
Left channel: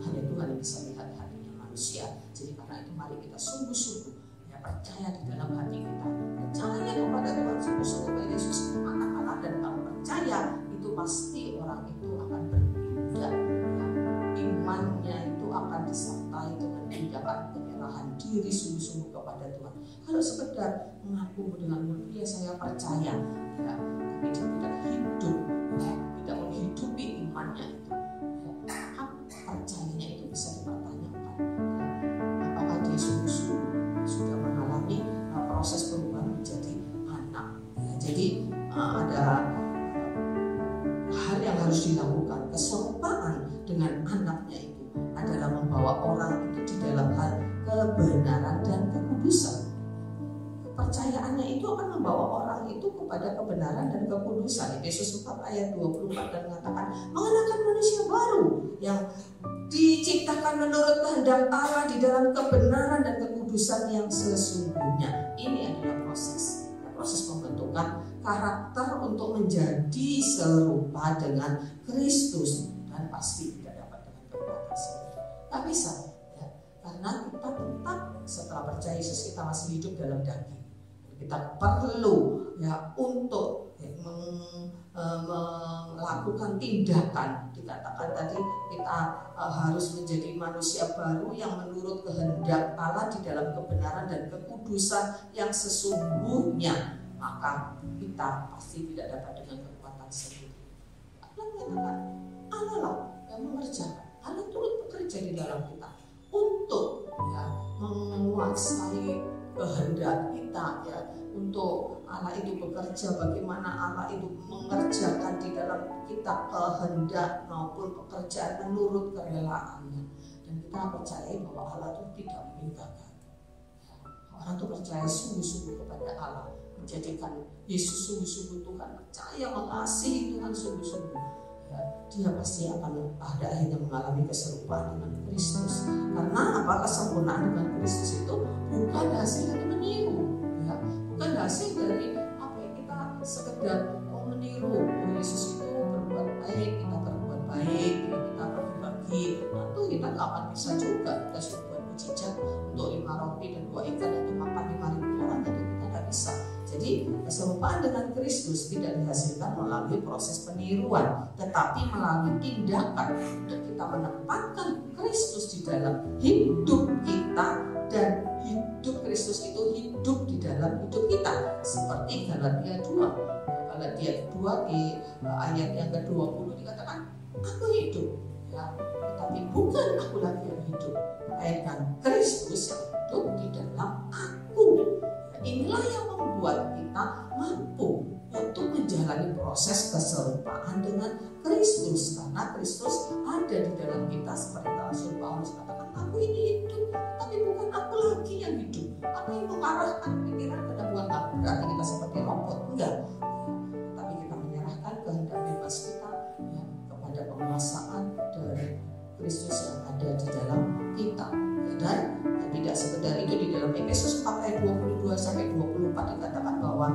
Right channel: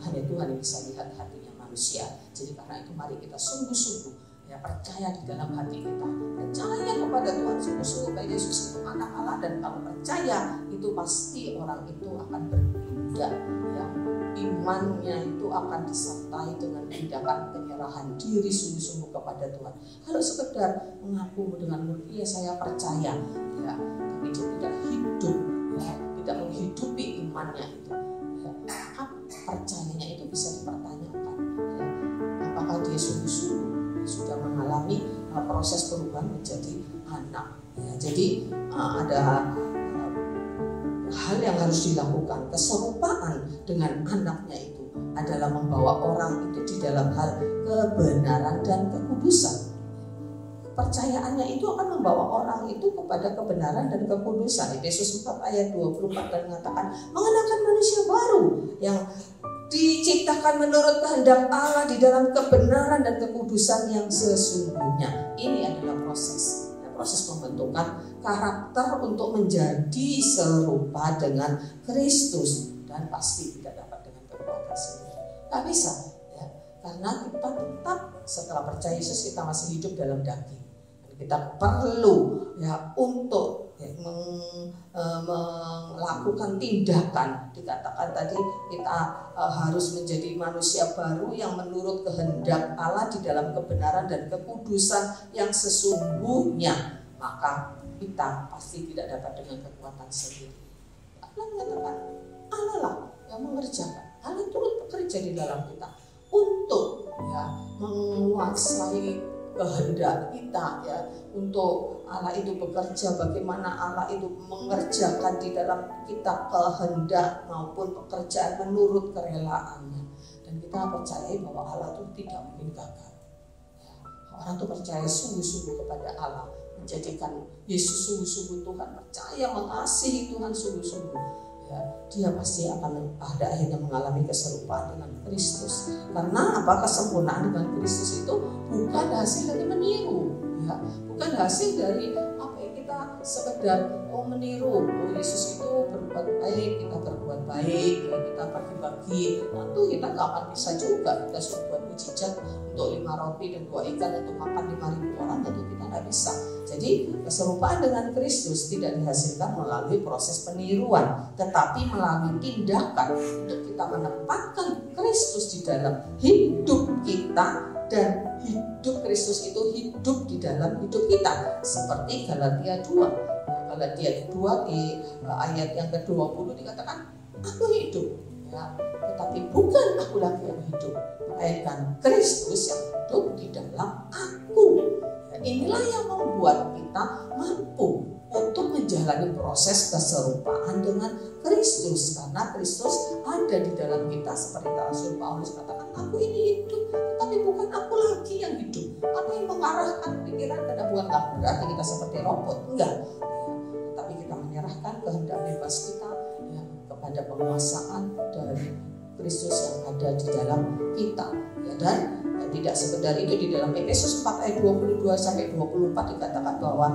hanya Tuhan yang bisa lihat hatinya manusia. Jadi karena itu mari kita sungguh-sungguh ya, percaya di dalam hati kita, percaya kepada Tuhan sungguh-sungguh bahwa Yesus anak Allah, dan kalau percaya itu pasti orang itu akan berpindah ya, imannya itu akan disertai dengan tindakan penyerahan diri sungguh-sungguh kepada Tuhan. Kalau sekedar mengaku dengan mulut ya saya percaya ya, tapi dia tidak hidup ya, tidak menghidupi imannya itu ya, maka percayanya itu bisa dipertanyakan ya, apakah dia sungguh-sungguh sudah mengalami proses perubahan menjadi anak ya. Jadi ada hal yang harus dilakukan. Keserupaan dengan anaknya itu adalah membawa orang itu di dalam hal kebenaran dan kekudusan. Percayaannya itu akan membawa orang itu kepada kebenaran dan kekudusan. Efesus 4 ayat 24 dan mengatakan mengenakan manusia baru yang diciptakan menurut kehendak Allah di dalam kebenaran dan kekudusan yang sesungguhnya. Ini adalah proses pembentukan karakter untuk menjadi serupa dengan Kristus, dan pasti tidak dapat dengan kekuatan sendiri. Tak bisa ya, karena kita tetap setelah percaya Yesus kita masih hidup dalam daging. Kita perlu ya untuk ya, melakukan tindakan. Dikatakan tadi kita harus menjadi manusia baru yang menurut kehendak Allah di dalam kebenaran dan kekudusan yang sesungguhnya. Maka kita pasti tidak dapat dengan kekuatan sendiri. Allah mengatakan Allah lah yang mengerjakan. Allah turut bekerja di dalam kita untuk ya, menguasai kehendak kita ya, untuk Allah itu bekerja, bagaimana Allah itu mengerjakan di dalam kita kehendak maupun pekerjaan menurut kerelaannya. Dan kita percaya bahwa Allah itu tidak meninggalkan ya, orang itu percaya sungguh-sungguh kepada Allah, menjadikan Yesus sungguh-sungguh Tuhan, percaya mengasihi Tuhan sungguh-sungguh ya, dia pasti akan pada akhirnya mengalami keserupaan dengan Kristus. Karena apa? Kesempurnaan dengan Kristus itu bukan hasil dari meniru ya, bukan hasil dari apa yang kita sekedar meniru. Yesus itu berbuat baik, kita berbuat baik ya, kita bagi-bagi. Tentu kita nggak akan bisa juga kita sudah buat mujizat untuk 5 roti dan 2 ikan untuk makan 5.000 orang, tentu kita nggak bisa. Jadi keserupaan dengan Kristus tidak dihasilkan melalui proses peniruan, tetapi melalui tindakan untuk kita menempatkan Kristus di dalam hidup kita, dan hidup Kristus itu hidup di dalam hidup kita. Seperti Galatia 2. Galatia 2 di ayat yang ke-20 dikatakan aku hidup ya, tetapi bukan aku lagi yang hidup, melainkan Kristus yang hidup di dalam aku. Inilah yang membuat kita mampu untuk menjalani proses keserupaan dengan Kristus, karena Kristus ada di dalam kita. Seperti Rasul Paulus katakan, aku ini hidup, tapi bukan aku lagi yang hidup. Aku yang mengarahkan pikiran ke dalam kamu. Berarti kita seperti robot, enggak. Tapi kita menyerahkan kehendak bebas kita ya, kepada penguasaan dari Kristus yang ada di dalam kita.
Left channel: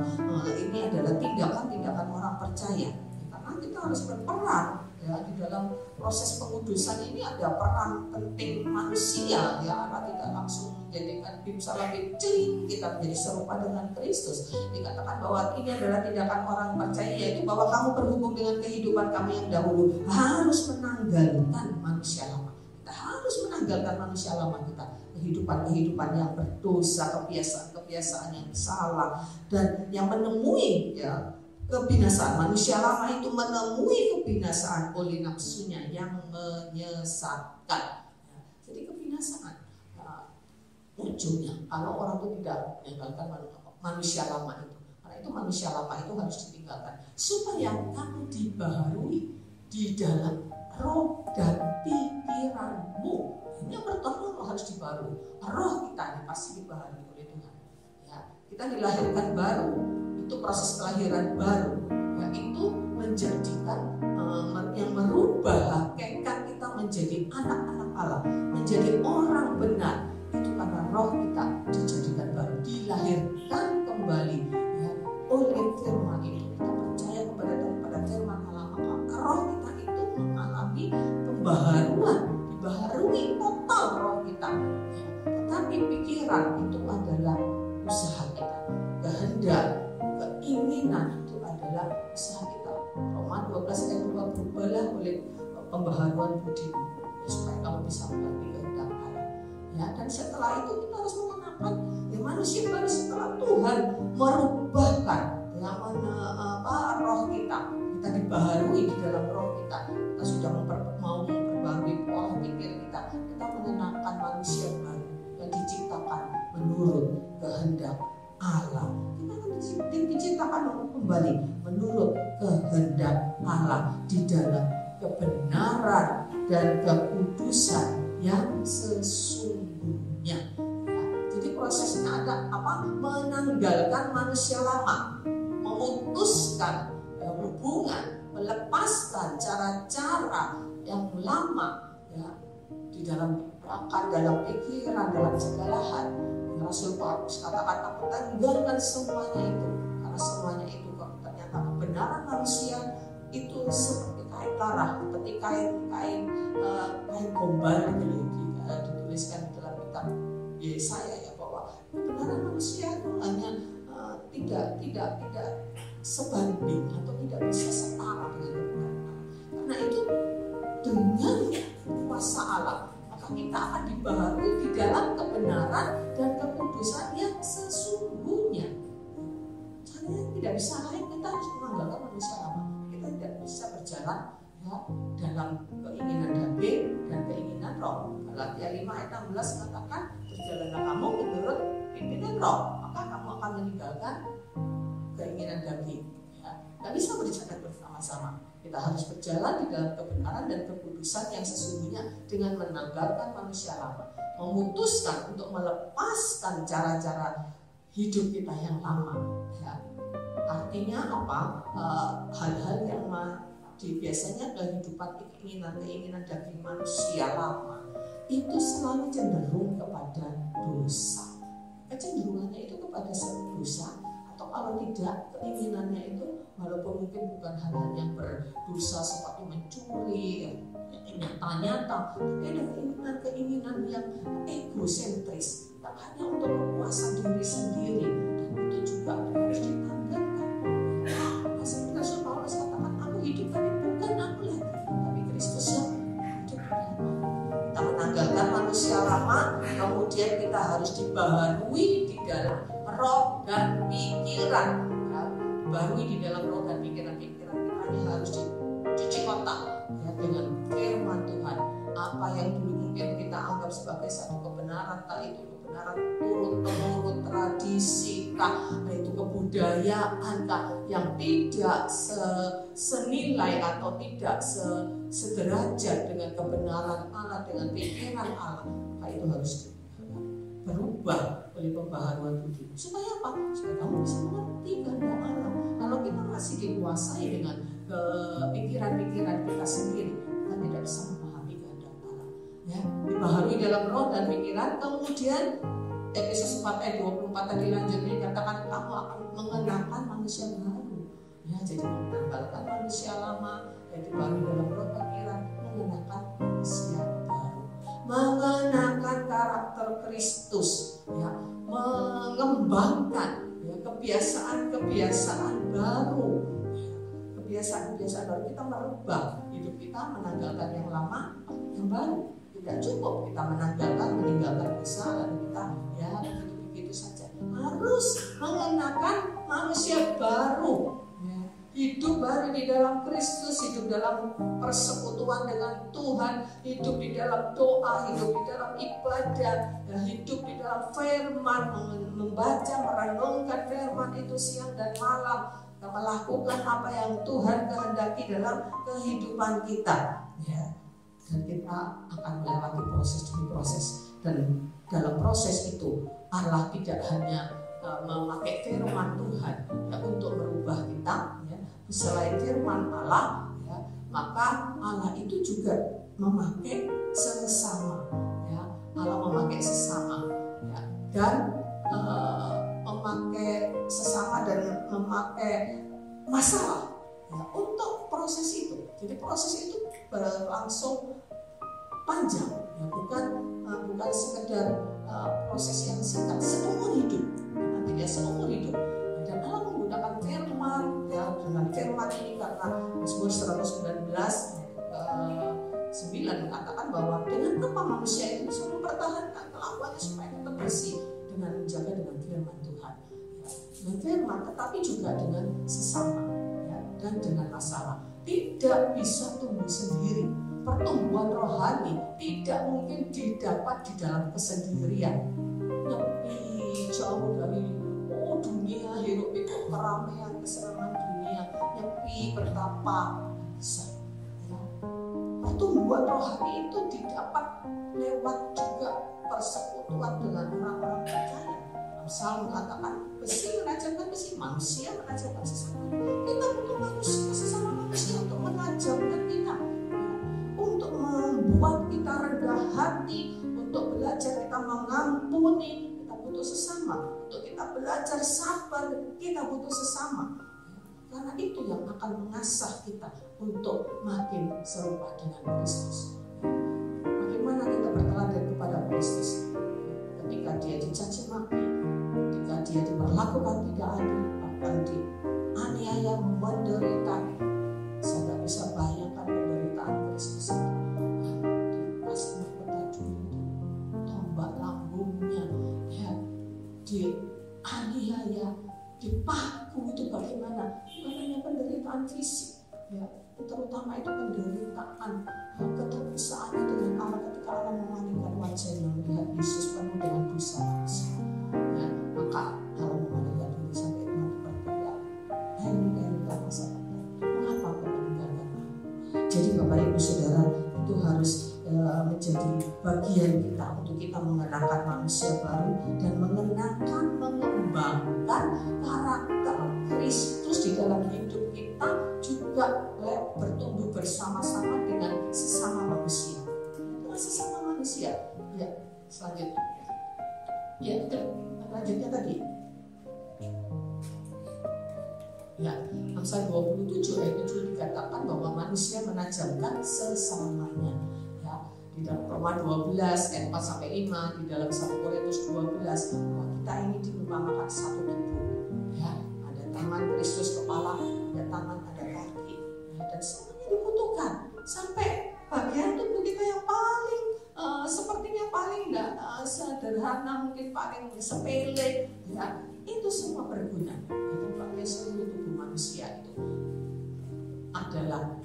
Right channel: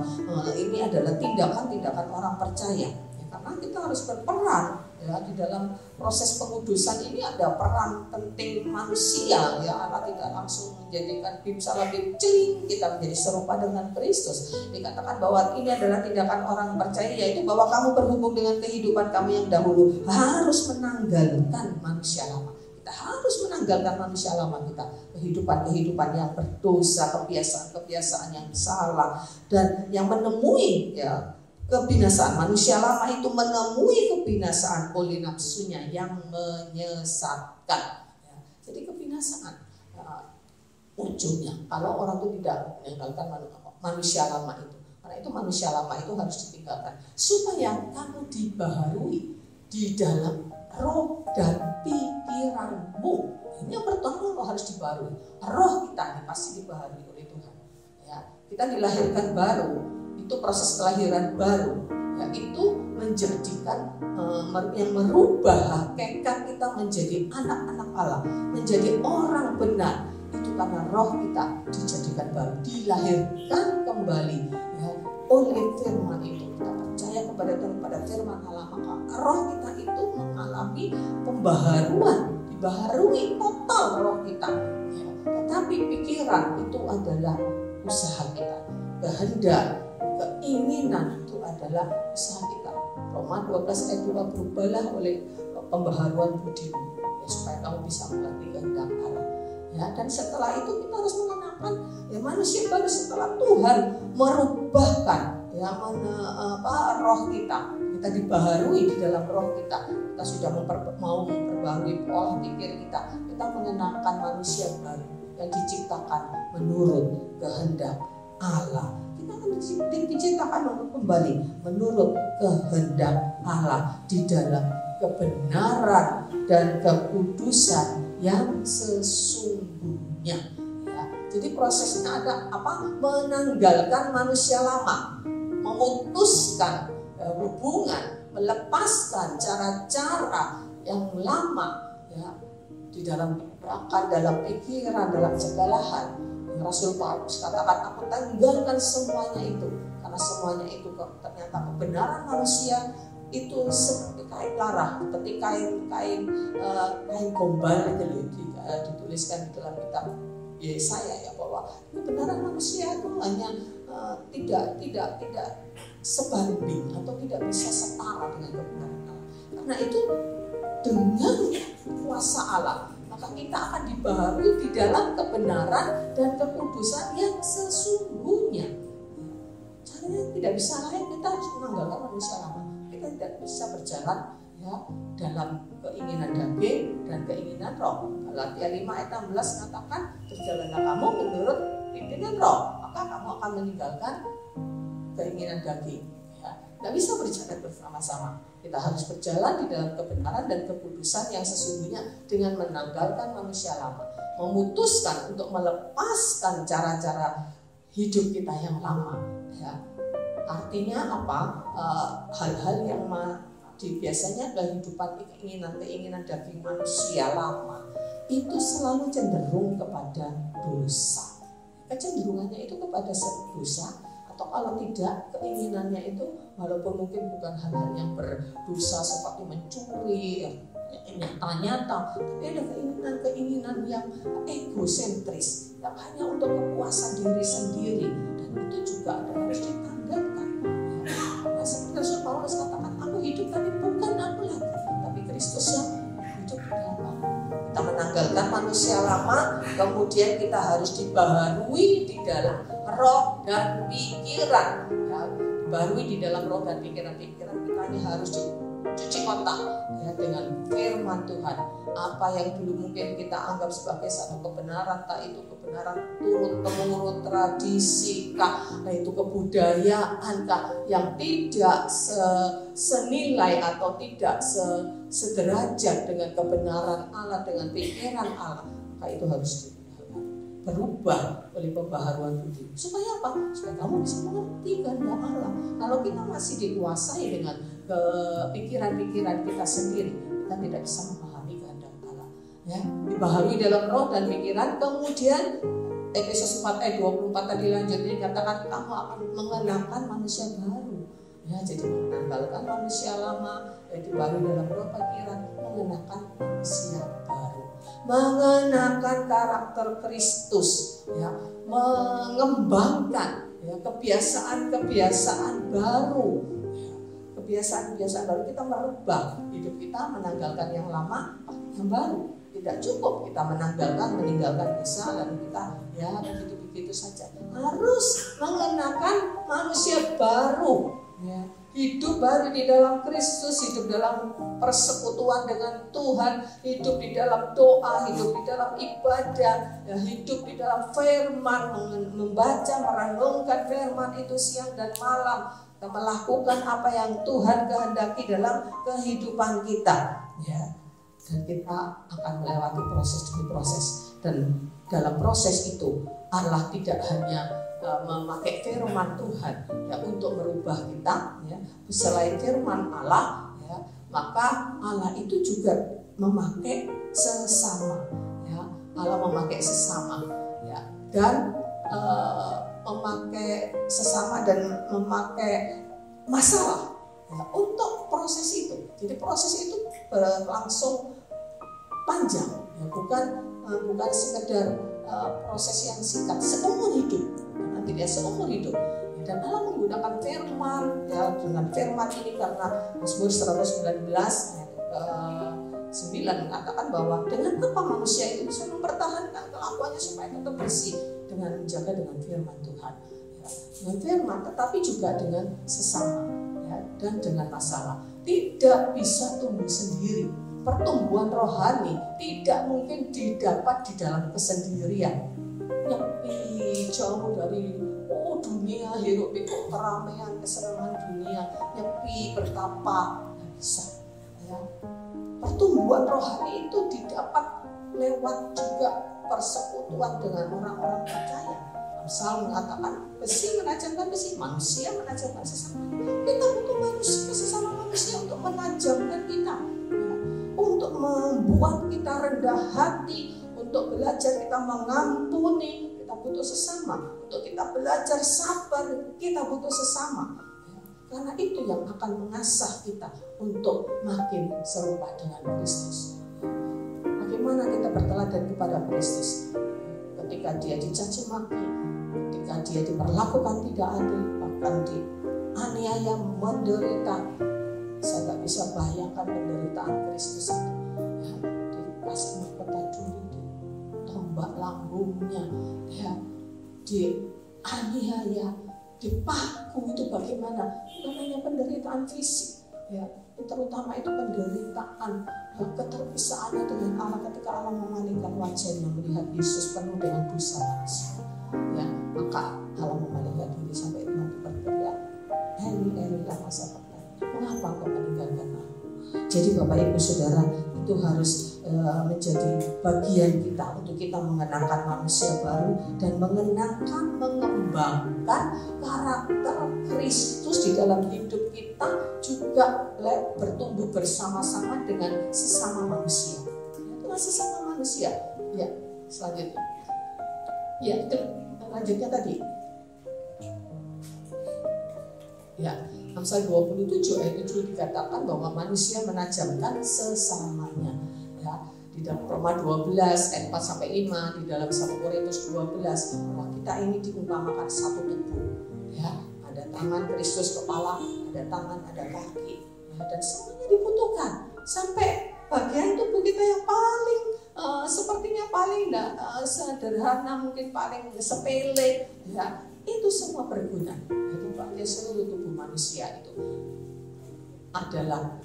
bahwa ini adalah tindakan-tindakan orang percaya. Karena kita harus berperan ya di dalam proses pengudusan ini. Ada peran penting manusia ya. Allah tidak langsung menjadikan bim salah bim celing kita menjadi serupa dengan Kristus. Dikatakan bahwa ini adalah tindakan orang percaya, yaitu bahwa kamu berhubung dengan kehidupan kami yang dahulu harus menanggalkan manusia lama. Kita harus menanggalkan manusia lama kita, kehidupan yang berdosa, kebiasaan yang salah dan yang menemui ya kebinasaan. Manusia lama itu menemui kebinasaan oleh nafsunya yang menyesatkan. Jadi kebinasaan ujungnya kalau orang itu tidak meninggalkan manusia lama itu. Karena itu manusia lama itu harus ditinggalkan supaya kamu dibaharui di dalam roh dan pikiranmu. Ini yang pertama harus dibaharui. Roh kita ini pasti dibaharui oleh Tuhan. Ya, kita dilahirkan baru. Itu proses kelahiran baru, yaitu menjadikan yang merubah hakikat kita menjadi anak-anak Allah, menjadi orang benar. Itu karena roh kita dijadikan baru, dilahirkan kembali ya, oleh firman itu. Kita percaya kepada firman Allah, maka roh kita itu mengalami pembaharuan, dibaharui total roh kita ya. Tetapi pikiran itu adalah usaha kita, kehendak, keinginan itu adalah usaha kita. Roma 12 ayat 2, berubahlah oleh pembaharuan budimu ya, supaya kamu bisa mengerti kehendak Allah ya. Dan setelah itu kita harus mengenakan ya manusia baru setelah Tuhan merubahkan ya roh kita dibaharui di dalam roh kita sudah mau memperbaharui pola pikir kita mengenakan manusia baru yang diciptakan menurut kehendak Allah. Diciptakan kembali menurut kehendak Allah di dalam kebenaran dan kekudusan yang sesungguhnya ya. Jadi prosesnya ada apa? Menanggalkan manusia lama, memutuskan hubungan, melepaskan cara-cara yang lama ya di dalam akal, dalam pikiran, dalam segala hal. Rasul Paulus katakan, aku tanggalkan semuanya itu, karena semuanya itu ternyata kebenaran manusia itu seperti kain darah, seperti kain gombal itu dituliskan di dalam kitab Yesaya ya, bahwa kebenaran manusia itu hanya tidak sebanding atau tidak bisa setara dengan kebenaran Allah. Karena itu dengan kuasa Allah kita akan dibaharui di dalam kebenaran dan kekudusan yang sesungguhnya. Caranya tidak bisa lain, kita harus menanggalkan manusia lama. Kita tidak bisa berjalan ya dalam keinginan daging dan keinginan roh. Galatia 5 ayat 16 katakan, berjalanlah kamu menurut pimpinan roh, maka kamu akan meninggalkan keinginan daging. Tidak bisa berjalan bersama-sama. Kita harus berjalan di dalam kebenaran dan kekudusan yang sesungguhnya dengan menanggalkan manusia lama, memutuskan untuk melepaskan cara-cara hidup kita yang lama. Ya. Artinya apa? Hal-hal yang biasanya kehidupan keinginan daging manusia lama itu selalu cenderung kepada dosa. Kecenderungannya itu kepada dosa. Atau kalau tidak, keinginannya itu walaupun mungkin bukan hal-hal yang berdosa seperti mencuri nyata-nyata, tapi ada keinginan yang egosentris yang hanya untuk kepuasan diri sendiri, dan itu juga harus ditanggalkan. Nah, seperti Rasul Paulus katakan, aku hidup tapi bukan aku lagi, tapi Kristus yang hidup di dalam aku. Kita menanggalkan manusia lama, kemudian kita harus dibaharui di dalam roh dan pikiran ya, dibaharui di dalam roh dan pikiran kita ini harus dicuci otak ya, dengan firman Tuhan. Apa yang dulu mungkin kita anggap sebagai satu kebenaran, tak itu kebenaran turut-temurun tradisi kah, nah itu kebudayaan kah, yang tidak senilai atau tidak sederajat dengan kebenaran Allah, dengan pikiran Allah, nah itu harus berubah oleh pembaharuan budi. Supaya apa? Supaya kamu bisa mengerti kehendak Allah. Kalau kita masih dikuasai dengan pikiran-pikiran kita sendiri, kita tidak bisa memahami kehendak Allah. Ya, dibaharui dalam roh dan pikiran. Kemudian Efesus 4 ayat 24 tadi lanjutnya dikatakan, kamu akan mengenakan manusia baru. Ya, jadi menanggalkan manusia lama, yaitu baru dalam roh pikiran, mengenakan manusia baru, mengenakan karakter Kristus, ya, mengembangkan ya, kebiasaan-kebiasaan baru. Kebiasaan-kebiasaan baru, kita merubah hidup kita, menanggalkan yang lama, yang baru. Tidak cukup kita meninggalkan dosa lalu kita ya begitu saja. Harus mengenakan manusia baru, ya. Hidup baru di dalam Kristus, hidup dalam persekutuan dengan Tuhan, hidup di dalam doa, hidup di dalam ibadah, ya, hidup di dalam firman, membaca, merenungkan firman itu siang dan malam, kita melakukan apa yang Tuhan kehendaki dalam kehidupan kita, ya. Dan kita akan melewati proses demi proses, dan dalam proses itu Allah tidak hanya memakai firman Tuhan ya untuk merubah kita, ya. Selain firman Allah, ya, maka Allah itu juga memakai sesama, ya. Allah memakai sesama, ya, dan memakai sesama dan memakai masalah ya, untuk proses itu. Jadi proses itu berlangsung panjang, ya, bukan sekedar proses yang singkat, seumur hidup, tidak seumur hidup. Dan Allah menggunakan firman, ya, dengan firman ini karena Mazmur 119 ayat 9 mengatakan bahwa dengan apa manusia itu bisa mempertahankan kelakuannya supaya tetap bersih, dengan menjaga dengan firman Tuhan, ya, dengan firman, tetapi juga dengan sesama, ya, dan dengan masalah. Tidak bisa tumbuh sendiri. Pertumbuhan rohani tidak mungkin didapat di dalam kesendirian. Nyepi jauh dari dunia, hidup pikuk keramaian, keserangan dunia, nyepi bertapa, tidak bisa. Ya. Pertumbuhan rohani itu didapat lewat juga persekutuan dengan orang-orang percaya. Amsal mengatakan besi menajamkan besi, manusia menajamkan sesama. Kita butuh manusia, sesama manusia untuk menajamkan kita, untuk membuat kita rendah hati, untuk belajar kita mengampuni. Kita butuh sesama. Untuk kita belajar sabar, kita butuh sesama. Karena itu yang akan mengasah kita untuk makin serupa dengan Kristus. Bagaimana kita berteladan kepada Kristus? Ketika dia dicaci maki, ketika dia diperlakukan tidak adil, bahkan dianiaya, menderita. Saya tak bisa bayangkan penderitaan Kristus itu. Dikasih mahkota duri, tombak lambungnya, ya, dianiaya, dipaku, itu bagaimana? Namanya penderitaan fisik, ya, terutama itu penderitaan keterpisahan dengan Allah ketika Allah memalingkan wajahnya melihat Yesus penuh dengan dosa manusia, ya, maka Allah memalingkan diri sampai Tuhan berteriak, Eli lama sabachthani, mengapa kau meninggalkan aku? Jadi Bapak Ibu Saudara, itu harus menjadi bagian kita untuk kita mengenakan manusia baru dan mengembangkan karakter Kristus di dalam hidup kita, juga bertumbuh bersama-sama dengan sesama manusia. Itulah sesama manusia. Ya, selanjutnya. Ya, lanjutnya tadi. Ya, Amsal 27 ayat 7 dikatakan bahwa manusia menajamkan sesamanya. Ya, di dalam Roma 12 ayat 4 sampai 5, di dalam 1 Korintus 12, bahwa kita ini diumpamakan satu tubuh. Ya, ada tangan Kristus kepala, ada tangan, ada kaki, ya, dan semuanya dibutuhkan. Sampai bagian tubuh kita yang paling sepertinya paling sederhana, mungkin paling sepele, ya, itu semua berguna. Jadi seluruh tubuh manusia itu adalah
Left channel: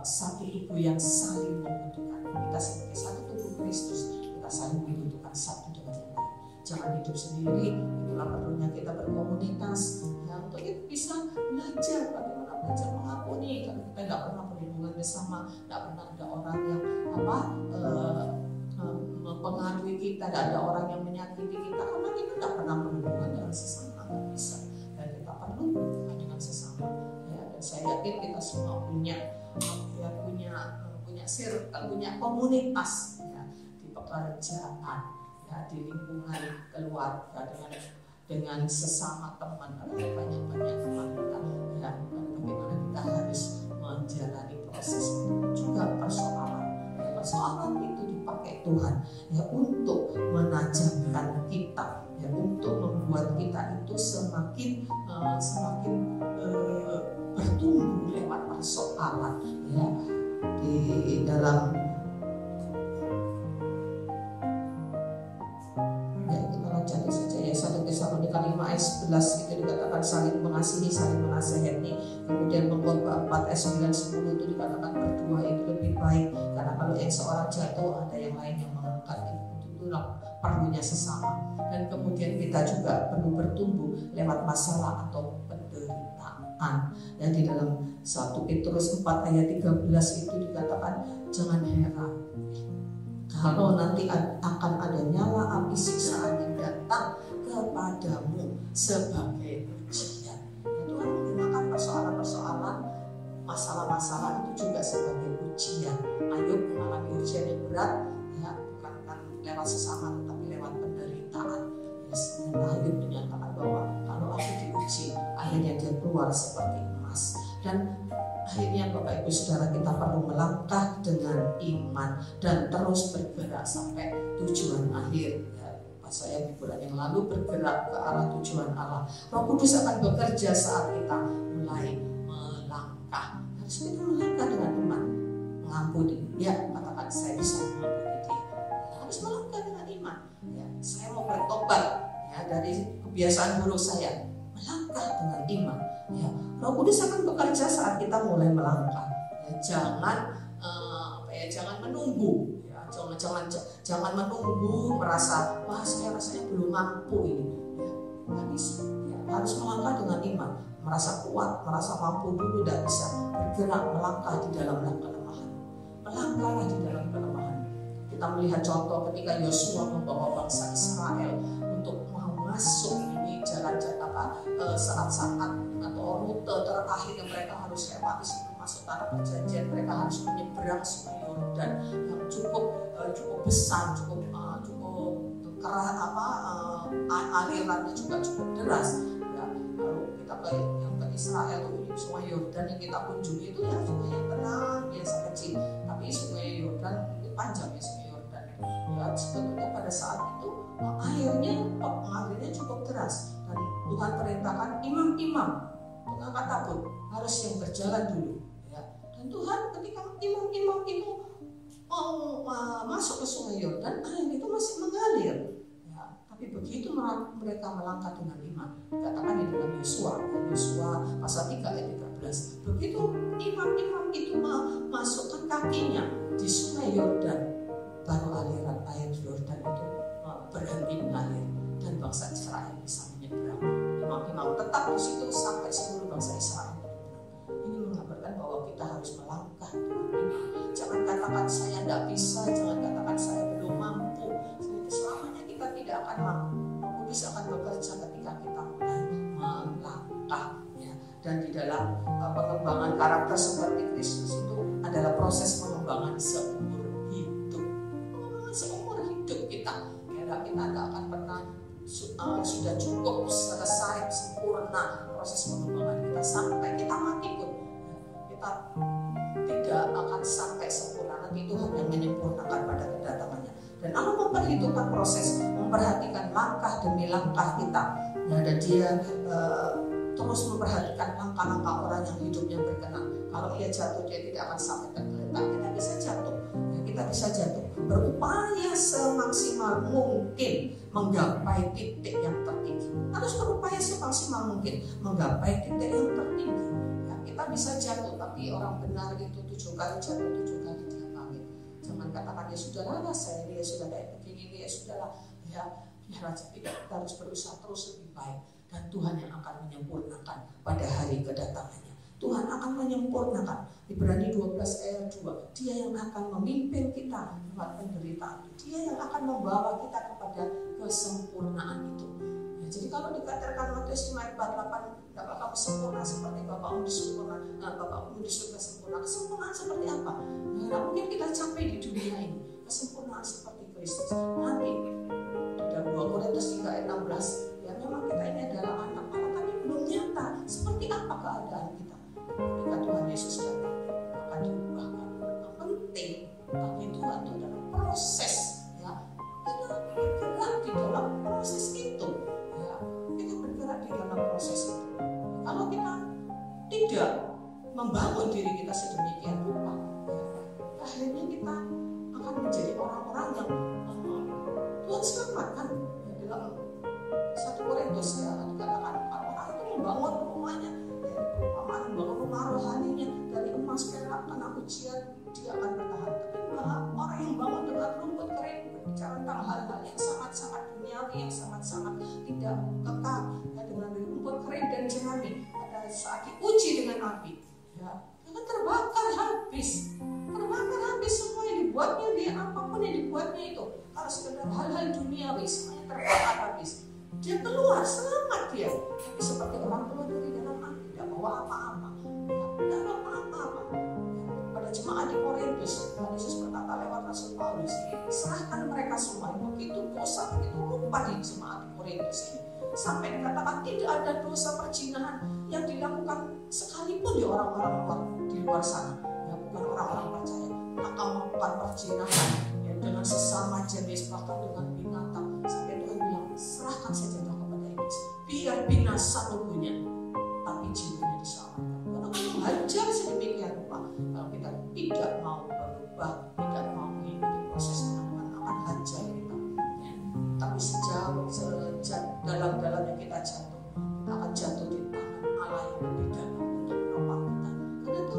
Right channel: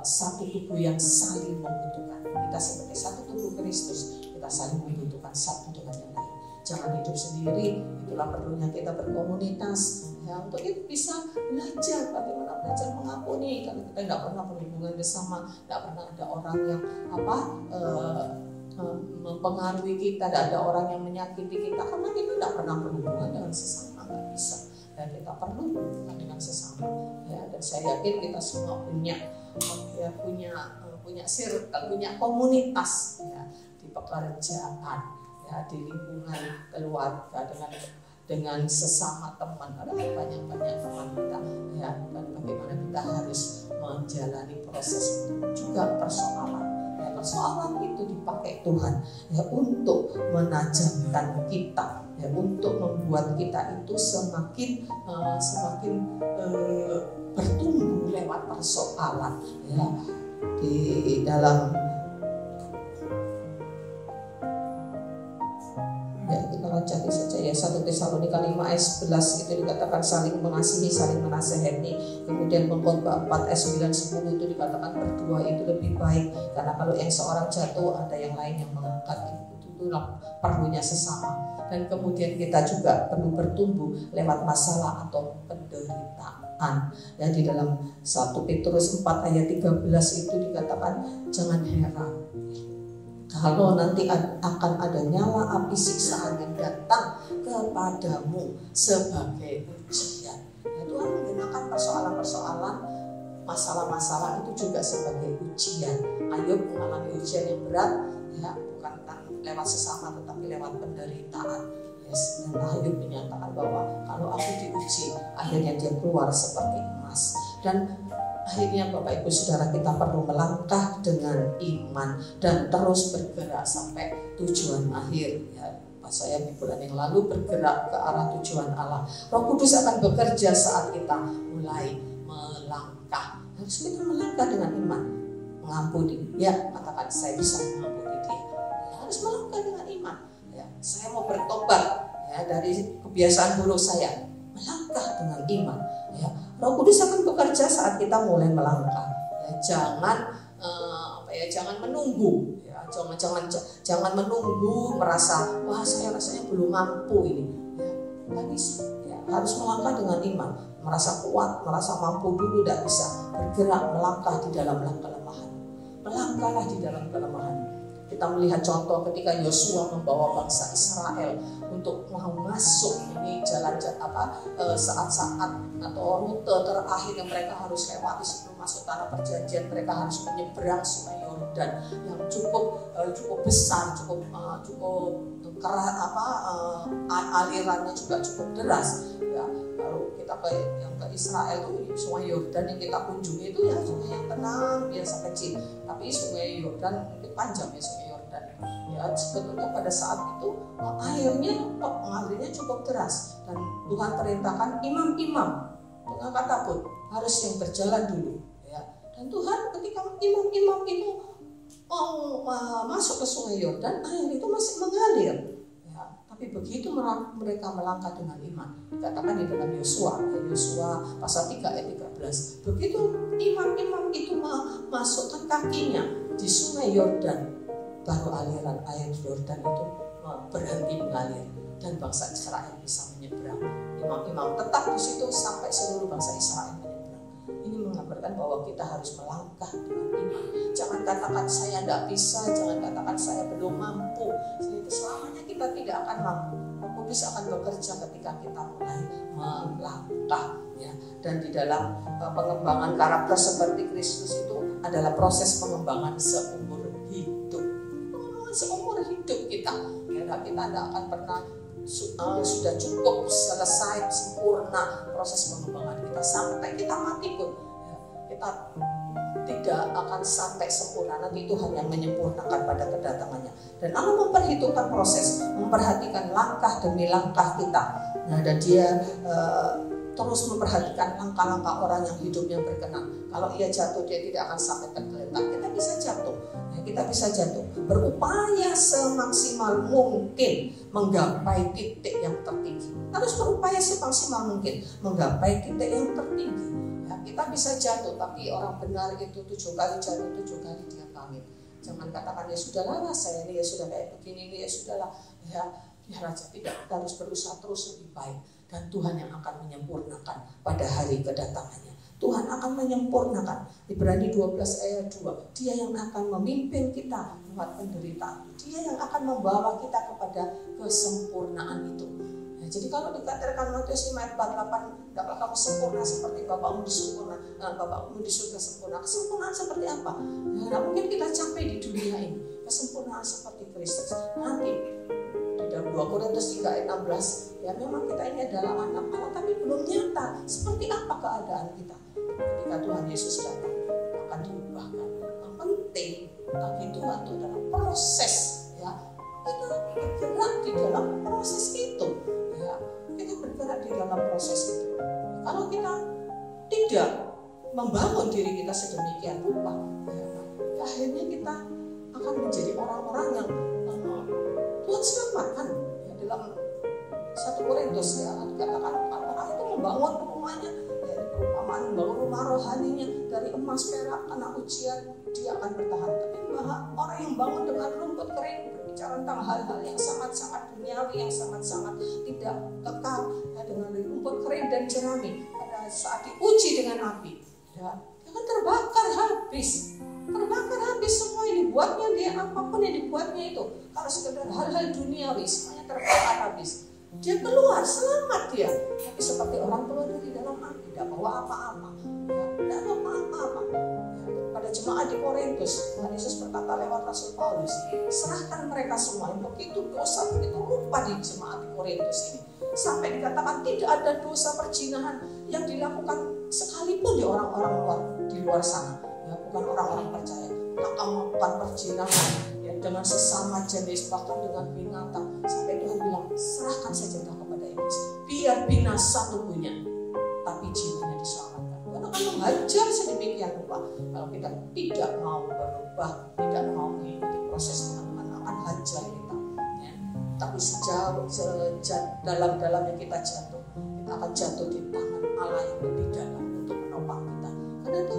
satu tubuh yang saling membutuhkan. Kita sebagai satu tubuh Kristus, kita saling membutuhkan satu dengan yang lain. Jangan hidup sendiri. Itulah perlunya kita berkomunitas, ya, untuk itu bisa belajar bagaimana belajar mengampuni. Karena kita tidak pernah berhubungan bersama, tidak pernah ada orang yang mempengaruhi kita, tidak ada orang yang menyakiti kita, karena kita tidak pernah berhubungan dengan sesama. Tidak bisa. Dan kita perlu dengan sesama, ya, dan saya yakin kita semua punya circle, punya komunitas, ya, di pekerjaan, ya, di lingkungan keluarga, dengan sesama teman, ada banyak-banyak teman kita ya, dan bagaimana kita harus menjalani proses itu. Juga persoalan ya, persoalan itu dipakai Tuhan ya untuk menajamkan kita ya, untuk membuat kita itu semakin bertumbuh lewat persoalan ya. Di dalam ya, kita cari saja ya 1 Tesalonika 5 ayat 11 itu dikatakan saling mengasihi, saling menasehati. Kemudian Pengkhotbah 4 ayat 9-10 itu dikatakan berdua itu lebih baik, karena kalau yang seorang jatuh ada yang lain yang mengangkat. Itulah perlunya sesama. Dan kemudian kita juga perlu bertumbuh lewat masalah atau penderitaan. Ya, di dalam 1 Petrus 4 ayat 13 itu dikatakan jangan heran kalau nanti akan ada nyala api siksaan yang datang kepadamu sebagai ujian. Ya, Tuhan menggunakan persoalan-persoalan, masalah-masalah itu juga sebagai ujian. Ayub mengalami ujian yang berat ya, bukan lewat sesama tetapi lewat penderitaan. Yes. Dan Ayub menyatakan bahwa kalau aku diuji, akhirnya dia keluar seperti emas. Dan akhirnya Bapak Ibu Saudara, kita perlu melangkah dengan iman dan terus bergerak sampai tujuan akhir ya. Saya di bulan yang lalu bergerak ke arah tujuan Allah. Roh Kudus akan bekerja saat kita mulai melangkah. Harus kita melangkah dengan iman, mengampuni. Ya, katakan saya bisa mengampuni dia. Harus melangkah dengan iman. Ya, saya mau bertobat ya dari kebiasaan buruk saya. Melangkah dengan iman. Ya, Roh Kudus akan bekerja saat kita mulai melangkah. Ya, jangan menunggu. Ya, jangan menunggu merasa wah saya rasanya belum mampu ini. Ya, nggak bisa. Ya, harus melangkah dengan iman. Merasa kuat, merasa mampu dulu tidak bisa. Bergerak melangkah di dalam kelemahan. Melangkahlah di dalam kelemahan. Kita melihat contoh ketika Yosua membawa bangsa Israel untuk mau masuk ini jalan-jalan saat-saat atau rute terakhir yang mereka harus lewati sebelum masuk tanah perjanjian. Mereka harus menyeberang Sungai Yordan yang cukup besar, cukup keras, alirannya juga cukup deras. Ya, kalau kita ke Israel itu Sungai Yordan yang kita kunjungi itu ya sungai yang tenang biasa kecil, tapi Sungai Yordan itu panjang ya Sungai Yordan. Ya, sebetulnya pada saat itu mengalirnya cukup deras dan Tuhan perintahkan imam-imam pengangkat tabut harus yang berjalan dulu ya. Dan Tuhan ketika imam-imam itu mau masuk ke Sungai Yordan, air itu masih mengalir ya. Tapi begitu mereka melangkah dengan iman, dikatakan di dalam Yosua pasal 3 ayat 13, begitu imam-imam itu masukkan kakinya di Sungai Yordan, baru aliran air Yordan itu berhenti mengalir dan bangsa Israel bisa menyeberang. Imam-imam tetap di situ sampai seluruh bangsa Israel menyeberang. Ini menggambarkan bahwa kita harus melangkah dengan iman. Jangan katakan saya tidak bisa, jangan katakan saya belum mampu. Itu selamanya kita tidak akan mampu. Roh Kudus akan bekerja ketika kita mulai melangkah ya. Dan di dalam pengembangan karakter seperti Kristus itu adalah proses pengembangan seumur hidup. Seumur hidup kita tidak akan pernah sudah cukup selesai sempurna proses pengembangan kita sampai kita mati pun kita tidak akan sampai sempurna. Nanti Tuhan yang menyempurnakan pada kedatangannya. Dan Allah memperhitungkan proses, memperhatikan langkah demi langkah kita. Nah, dan Dia terus memperhatikan langkah-langkah orang yang hidupnya berkenan. Kalau ia jatuh, dia tidak akan sampai tergeletak. Kita bisa jatuh. Kita bisa jatuh, berupaya semaksimal mungkin menggapai titik yang tertinggi. Harus berupaya semaksimal mungkin menggapai titik yang tertinggi. Ya, kita bisa jatuh, tapi orang benar itu 7 kali jatuh, 7 kali dia bangkit. Jangan katakan ya sudahlah, saya ini ya sudah kayak begini, ya sudahlah. Ya raja tidak, kita harus berusaha terus lebih baik. Dan Tuhan yang akan menyempurnakan pada hari kedatangannya. Tuhan akan menyempurnakan. Ibrani 12 ayat 2. Dia yang akan memimpin kita lewat penderitaan. Dia yang akan membawa kita kepada kesempurnaan itu. Ya, jadi kalau dikatakan Matius 5 ayat 8, dapat kamu sempurna seperti Bapakmu di surga, Bapakmu di surga sempurna. Kesempurnaan seperti apa? Ya, tidak mungkin kita capai di dunia ini. Kesempurnaan seperti Kristus. Nanti di dalam 2 Korintus 3 ayat 16, ya memang kita apa keadaan kita. Ketika Tuhan Yesus datang akan diubahkan. Yang penting bagi Tuhan itu adalah proses, ya. Kita bergerak di dalam proses itu, ya. Kita bergerak di dalam proses itu. Kalau kita tidak membangun diri kita sedemikian rupa, ya, akhirnya kita akan menjadi orang-orang yang Tuhan selamatkan. Ya, dalam 1 Korintus ya, dikatakan orang itu membangun rumahnya, ya, perumpamaan membangun rumah rohaninya dari emas, perak, tanah ujian, dia akan bertahan. Tapi orang yang bangun dengan rumput kering, berbicara tentang hal-hal yang sangat-sangat duniawi, yang sangat-sangat tidak kekal, ya, dengan rumput kering dan jerami, pada saat diuji dengan api, ya, akan terbakar habis. Terbakar habis semua yang dibuatnya dia, apapun yang dibuatnya itu. Kalau sekedar hal-hal duniawi, semuanya terbakar habis. Dia keluar, selamat dia. Tapi seperti orang keluar dari dalam api, tidak bawa apa-apa. Ya, tidak bawa apa-apa. Ya, pada jemaat di Korintus, Tuhan Yesus berkata lewat Rasul Paulus, serahkan mereka semua. Begitu dosa, begitu rupa di jemaat di Korintus ini. Sampai dikatakan tidak ada dosa perzinahan yang dilakukan sekalipun di orang-orang di luar sana. Ya, bukan orang-orang percaya. Melakukan perzinahan, ya, dengan sesama jenis, bahkan dengan binatang. Sampai Tuhan bilang, serahkan saja kepada iblis, biar binasa tubuhnya, tapi jiwanya diselamatkan. Tuhan akan menghajar sedemikian rupa. Kalau kita tidak mau berubah, tidak mau mengikuti proses Tuhan akan hajar kita. Ya. Tapi dalam-dalamnya kita jatuh, kita akan jatuh di tangan Allah yang lebih dalam untuk menopang kita. Karena itu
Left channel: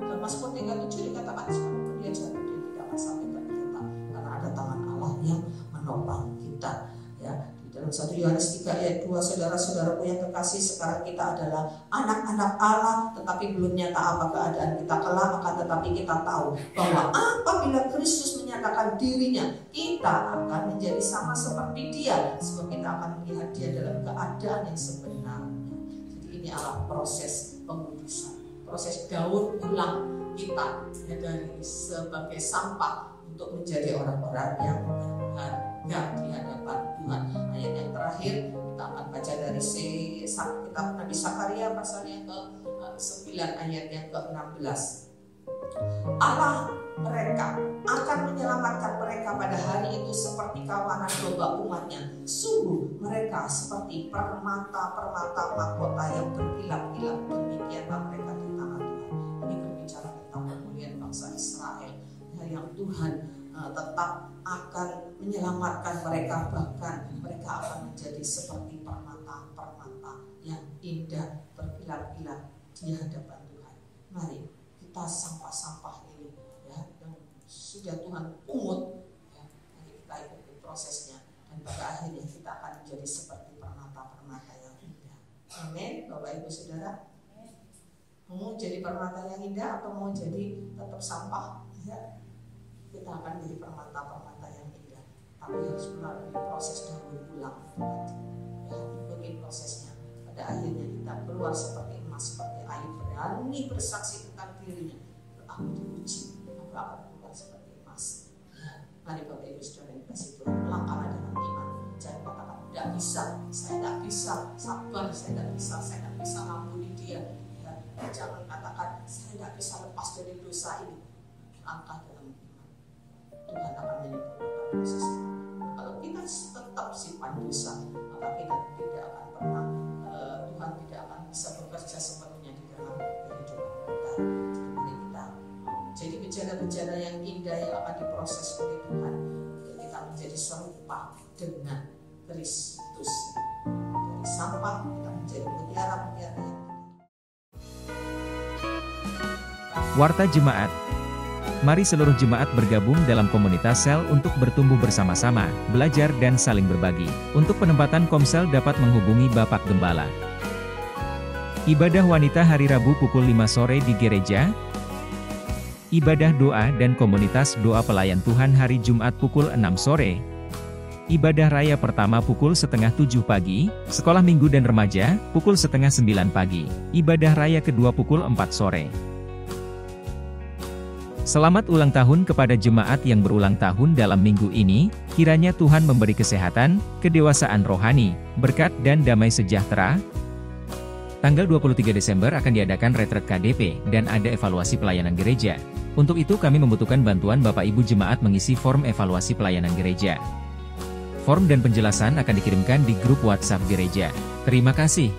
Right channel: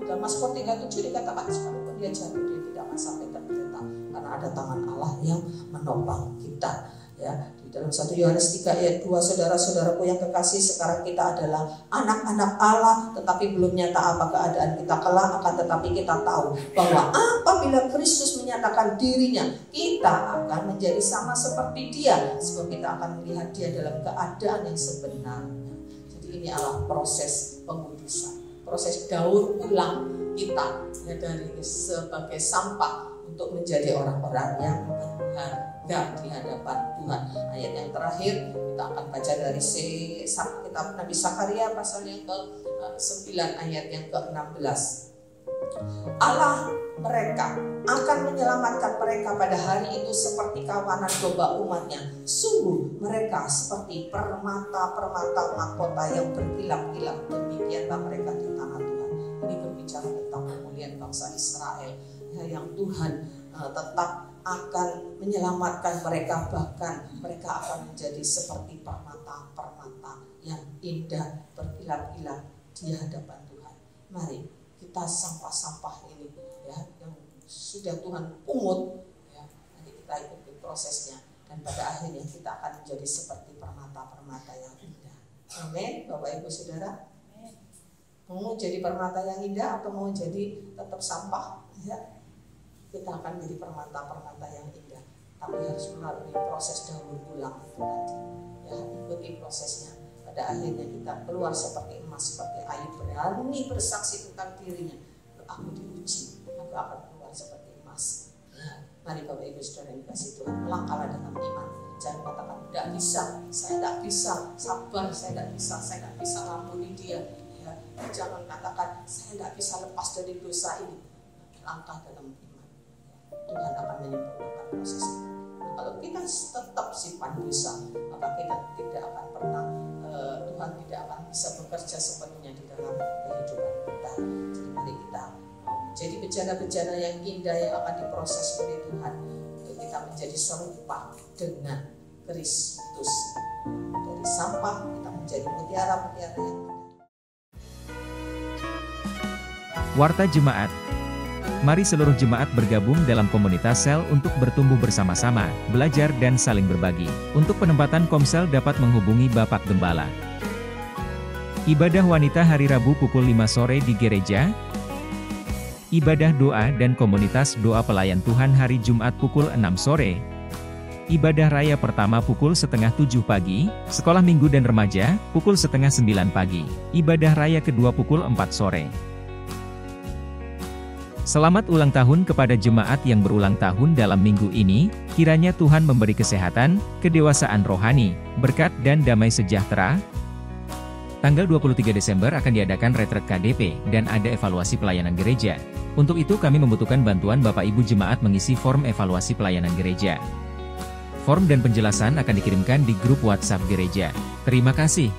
dalam Mazmur 37 dikatakan, sekalipun dia jatuh, dia tidak akan sampai tergeletak, karena ada tangan Allah yang menopang kita. Ya, di dalam 1 Yohanes 3 ayat 2, saudara-saudaraku yang kekasih, sekarang kita adalah anak-anak Allah, tetapi belum nyata apa keadaan kita kelak, akan tetapi kita tahu bahwa apabila Kristus menyatakan dirinya, kita akan menjadi sama seperti dia, sebab kita akan melihat dia dalam keadaan yang sebenarnya. Jadi ini adalah proses pengudusan, proses daur ulang kita, ya, dari sebagai sampah untuk menjadi orang-orang yang berharga di hadapan Tuhan. Ayat yang terakhir kita akan baca dari kitab Nabi Zakaria pasal yang ke-9 ayat yang ke-16. Allah mereka akan menyelamatkan mereka pada hari itu seperti kawanan domba umatnya. Sungguh mereka seperti permata-permata mahkota yang berkilat-kilat. Demikianlah mereka di tangan Tuhan. Ini berbicara tentang kemuliaan bangsa Israel, ya, yang Tuhan tetap akan menyelamatkan mereka, bahkan mereka akan menjadi seperti permata-permata yang indah berkilat-kilat di hadapan Tuhan. Mari kita sampah-sampah ini, ya, yang sudah Tuhan pungut, ya, nanti kita ikuti prosesnya, dan pada akhirnya kita akan menjadi seperti permata-permata yang indah. Amin, Bapak Ibu Saudara. Mau jadi permata yang indah atau mau jadi tetap sampah, ya? Kita akan menjadi permata-permata yang indah, tapi harus melalui proses daur ulang itu tadi, ya, ikuti prosesnya. Pada akhirnya kita keluar seperti emas, seperti Ayub berani bersaksi tentang dirinya, aku diuji, aku akan keluar seperti emas. Ya, mari Bapak Ibu Saudara yang kasih Tuhan, melangkahlah dengan iman. Jangan katakan tidak bisa, saya tidak bisa, sabar, saya tidak bisa ngampuni dia. Ya, jangan katakan saya tidak bisa lepas dari dosa ini. Langkah dalam iman. Tuhan akan menyempurnakan proses itu. Kalau kita tetap simpan dosa, maka kita tidak akan pernah, Tuhan tidak akan bisa bekerja sepenuhnya di dalam kehidupan kita. Jadi mari kita menjadi bejana-bejana yang indah yang akan diproses oleh Tuhan, untuk kita menjadi serupa dengan Kristus. Dari sampah kita menjadi mutiara-mutiara yang Warta Jemaat. Mari seluruh jemaat bergabung dalam komunitas sel untuk bertumbuh bersama-sama, belajar dan saling berbagi. Untuk penempatan komsel dapat menghubungi Bapak Gembala. Ibadah wanita hari Rabu pukul 5 sore di gereja. Ibadah doa dan komunitas doa pelayan Tuhan hari Jumat pukul 6 sore. Ibadah raya pertama pukul 6:30 pagi, sekolah minggu dan remaja, pukul 8:30 pagi. Ibadah raya kedua pukul 4 sore. Selamat ulang tahun kepada jemaat yang berulang tahun dalam minggu ini, kiranya Tuhan memberi kesehatan, kedewasaan rohani, berkat dan damai sejahtera. Tanggal 23 Desember akan diadakan retret KDP dan ada evaluasi pelayanan gereja. Untuk itu kami membutuhkan bantuan Bapak Ibu Jemaat mengisi form evaluasi pelayanan gereja. Form dan penjelasan akan dikirimkan di grup WhatsApp gereja. Terima kasih.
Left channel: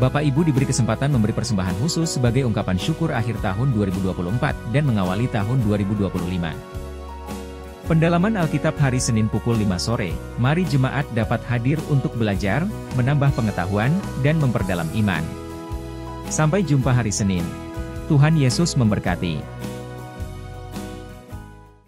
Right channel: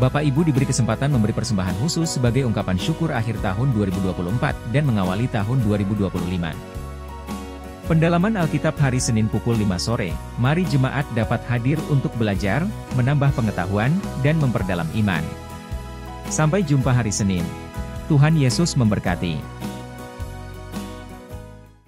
Bapak Ibu diberi kesempatan memberi persembahan khusus sebagai ungkapan syukur akhir tahun 2024 dan mengawali tahun 2025. Pendalaman Alkitab hari Senin pukul 5 sore, mari jemaat dapat hadir untuk belajar, menambah pengetahuan, dan memperdalam iman. Sampai jumpa hari Senin. Tuhan Yesus memberkati.